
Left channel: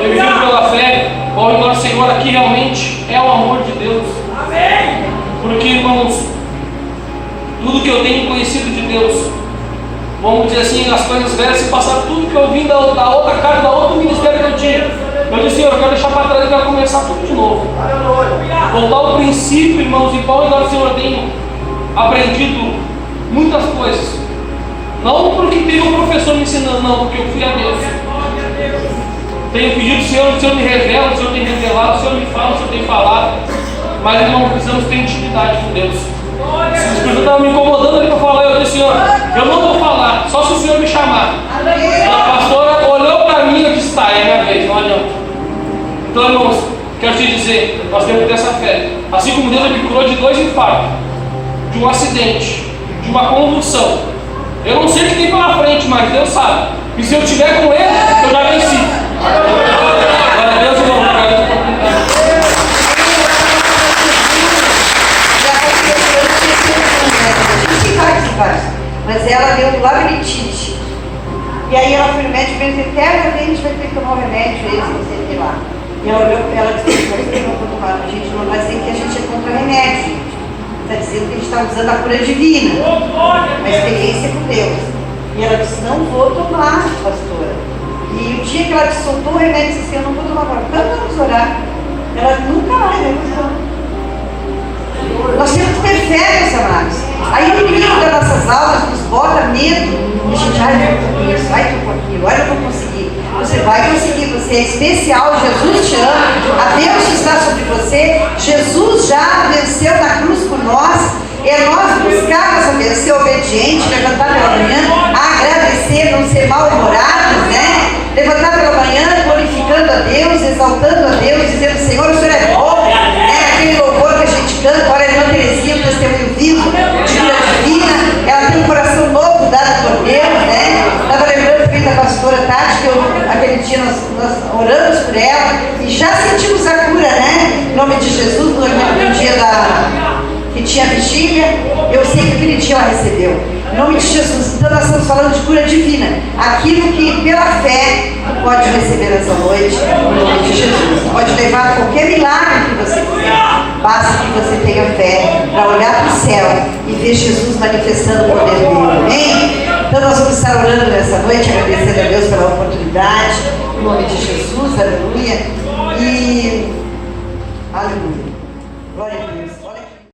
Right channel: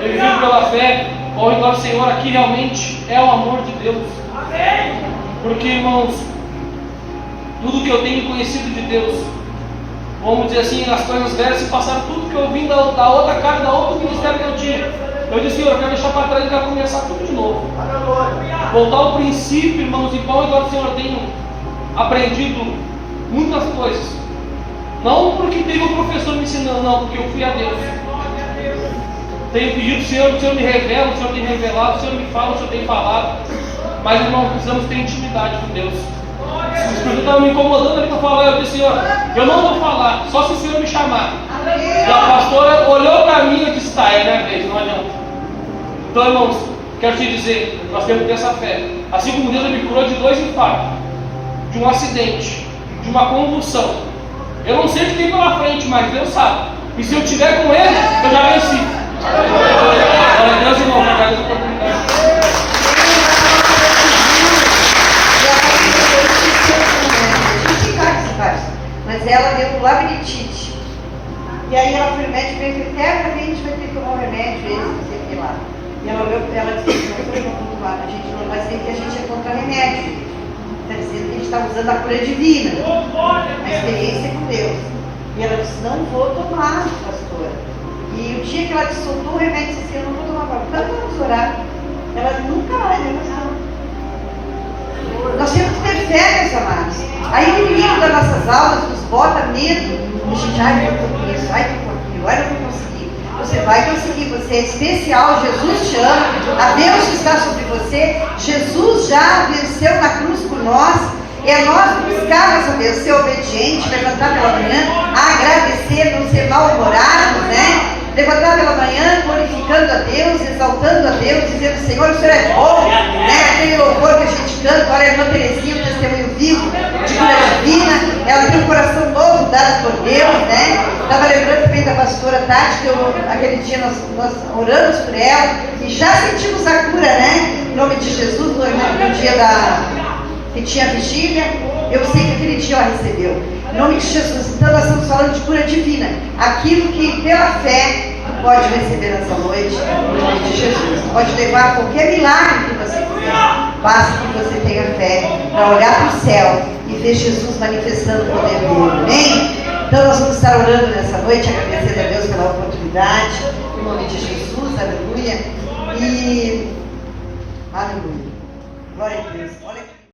Eu vivo pela fé, ao redor do Senhor, aqui realmente é o amor de Deus. Porque, irmãos, tudo que eu tenho conhecido de Deus, vamos dizer assim, as coisas velhas se passaram, tudo que eu vim da outra casa, da outro ministério que eu tinha. Eu disse, Senhor, eu quero deixar para trás e quero começar tudo de novo. Voltar ao princípio, irmãos, e ao redor do Senhor eu tenho aprendido muitas coisas. Não porque teve um professor me ensinando, não, porque eu fui a Deus. Tenho pedido ao Senhor, o Senhor me revela, o Senhor tem revelado, o Senhor me fala, o Senhor tem falado. Mas, irmão, precisamos ter intimidade com Deus. Se o Espírito estava me incomodando ali para falar, eu disse, Senhor, eu não vou falar, só se o Senhor me chamar. E a pastora olhou para mim e disse, tá, é minha vez, não adianta. Então, irmãos, quero te dizer, nós temos que ter essa fé. Assim como Deus me curou de 2 infartos, de um acidente, de uma convulsão. Eu não sei o que tem pela frente, mas Deus sabe. E se eu estiver com Ele, eu já venci. Glória a Deus, irmão. Mas ela deu labirintite. E aí ela foi médico e disse, eternamente vai ter que tomar o remédio, esse, não sei o que lá. E ela olhou para ela e disse, vocês não estão tomando, a gente não vai dizer que a gente é contra remédio, gente. Está dizendo que a gente está usando a cura divina, uma experiência com Deus. E ela disse, não vou tomar, pastora. E o dia que ela soltou o remédio, disse, eu não vou tomar agora. Quando vamos orar? Ela nunca mais vai usar. Nós temos que ter fé, meus amados. Aí o inimigo das nossas almas nos bota medo. E a gente, ai, vai um pouquinho, agora eu vou conseguir. Você vai conseguir, você é especial, Jesus te ama, a Deus está sobre você. Jesus já venceu na cruz por nós. É nós buscarmos a vencer obediente, levantar pela manhã, agradecer, não ser mal-humorados, né? Levantar pela manhã, glorificando a Deus, exaltando a Deus, dizendo, Senhor, o Senhor é bom, né? Aquele louvor que a gente canta, olha, a irmã Terezinha, um testemunho vivo, de cura divina, ela tem um coração novo dado por Deus, né? Estava lembrando também da pastora Tati, que aquele dia nós oramos por ela e já sentimos a cura, né? Em nome de Jesus, no dia que tinha vigília, eu sei que aquele dia ela recebeu. Em nome de Jesus, então nós estamos falando de cura divina. Aquilo que pela fé pode receber essa noite, em nome de Jesus. Pode levar qualquer milagre que você quiser. Basta que você tenha fé para olhar para o céu e ver Jesus manifestando o poder dele. Amém? Então nós vamos estar orando nessa noite, agradecendo a Deus pela oportunidade. Em nome de Jesus, aleluia. E aleluia.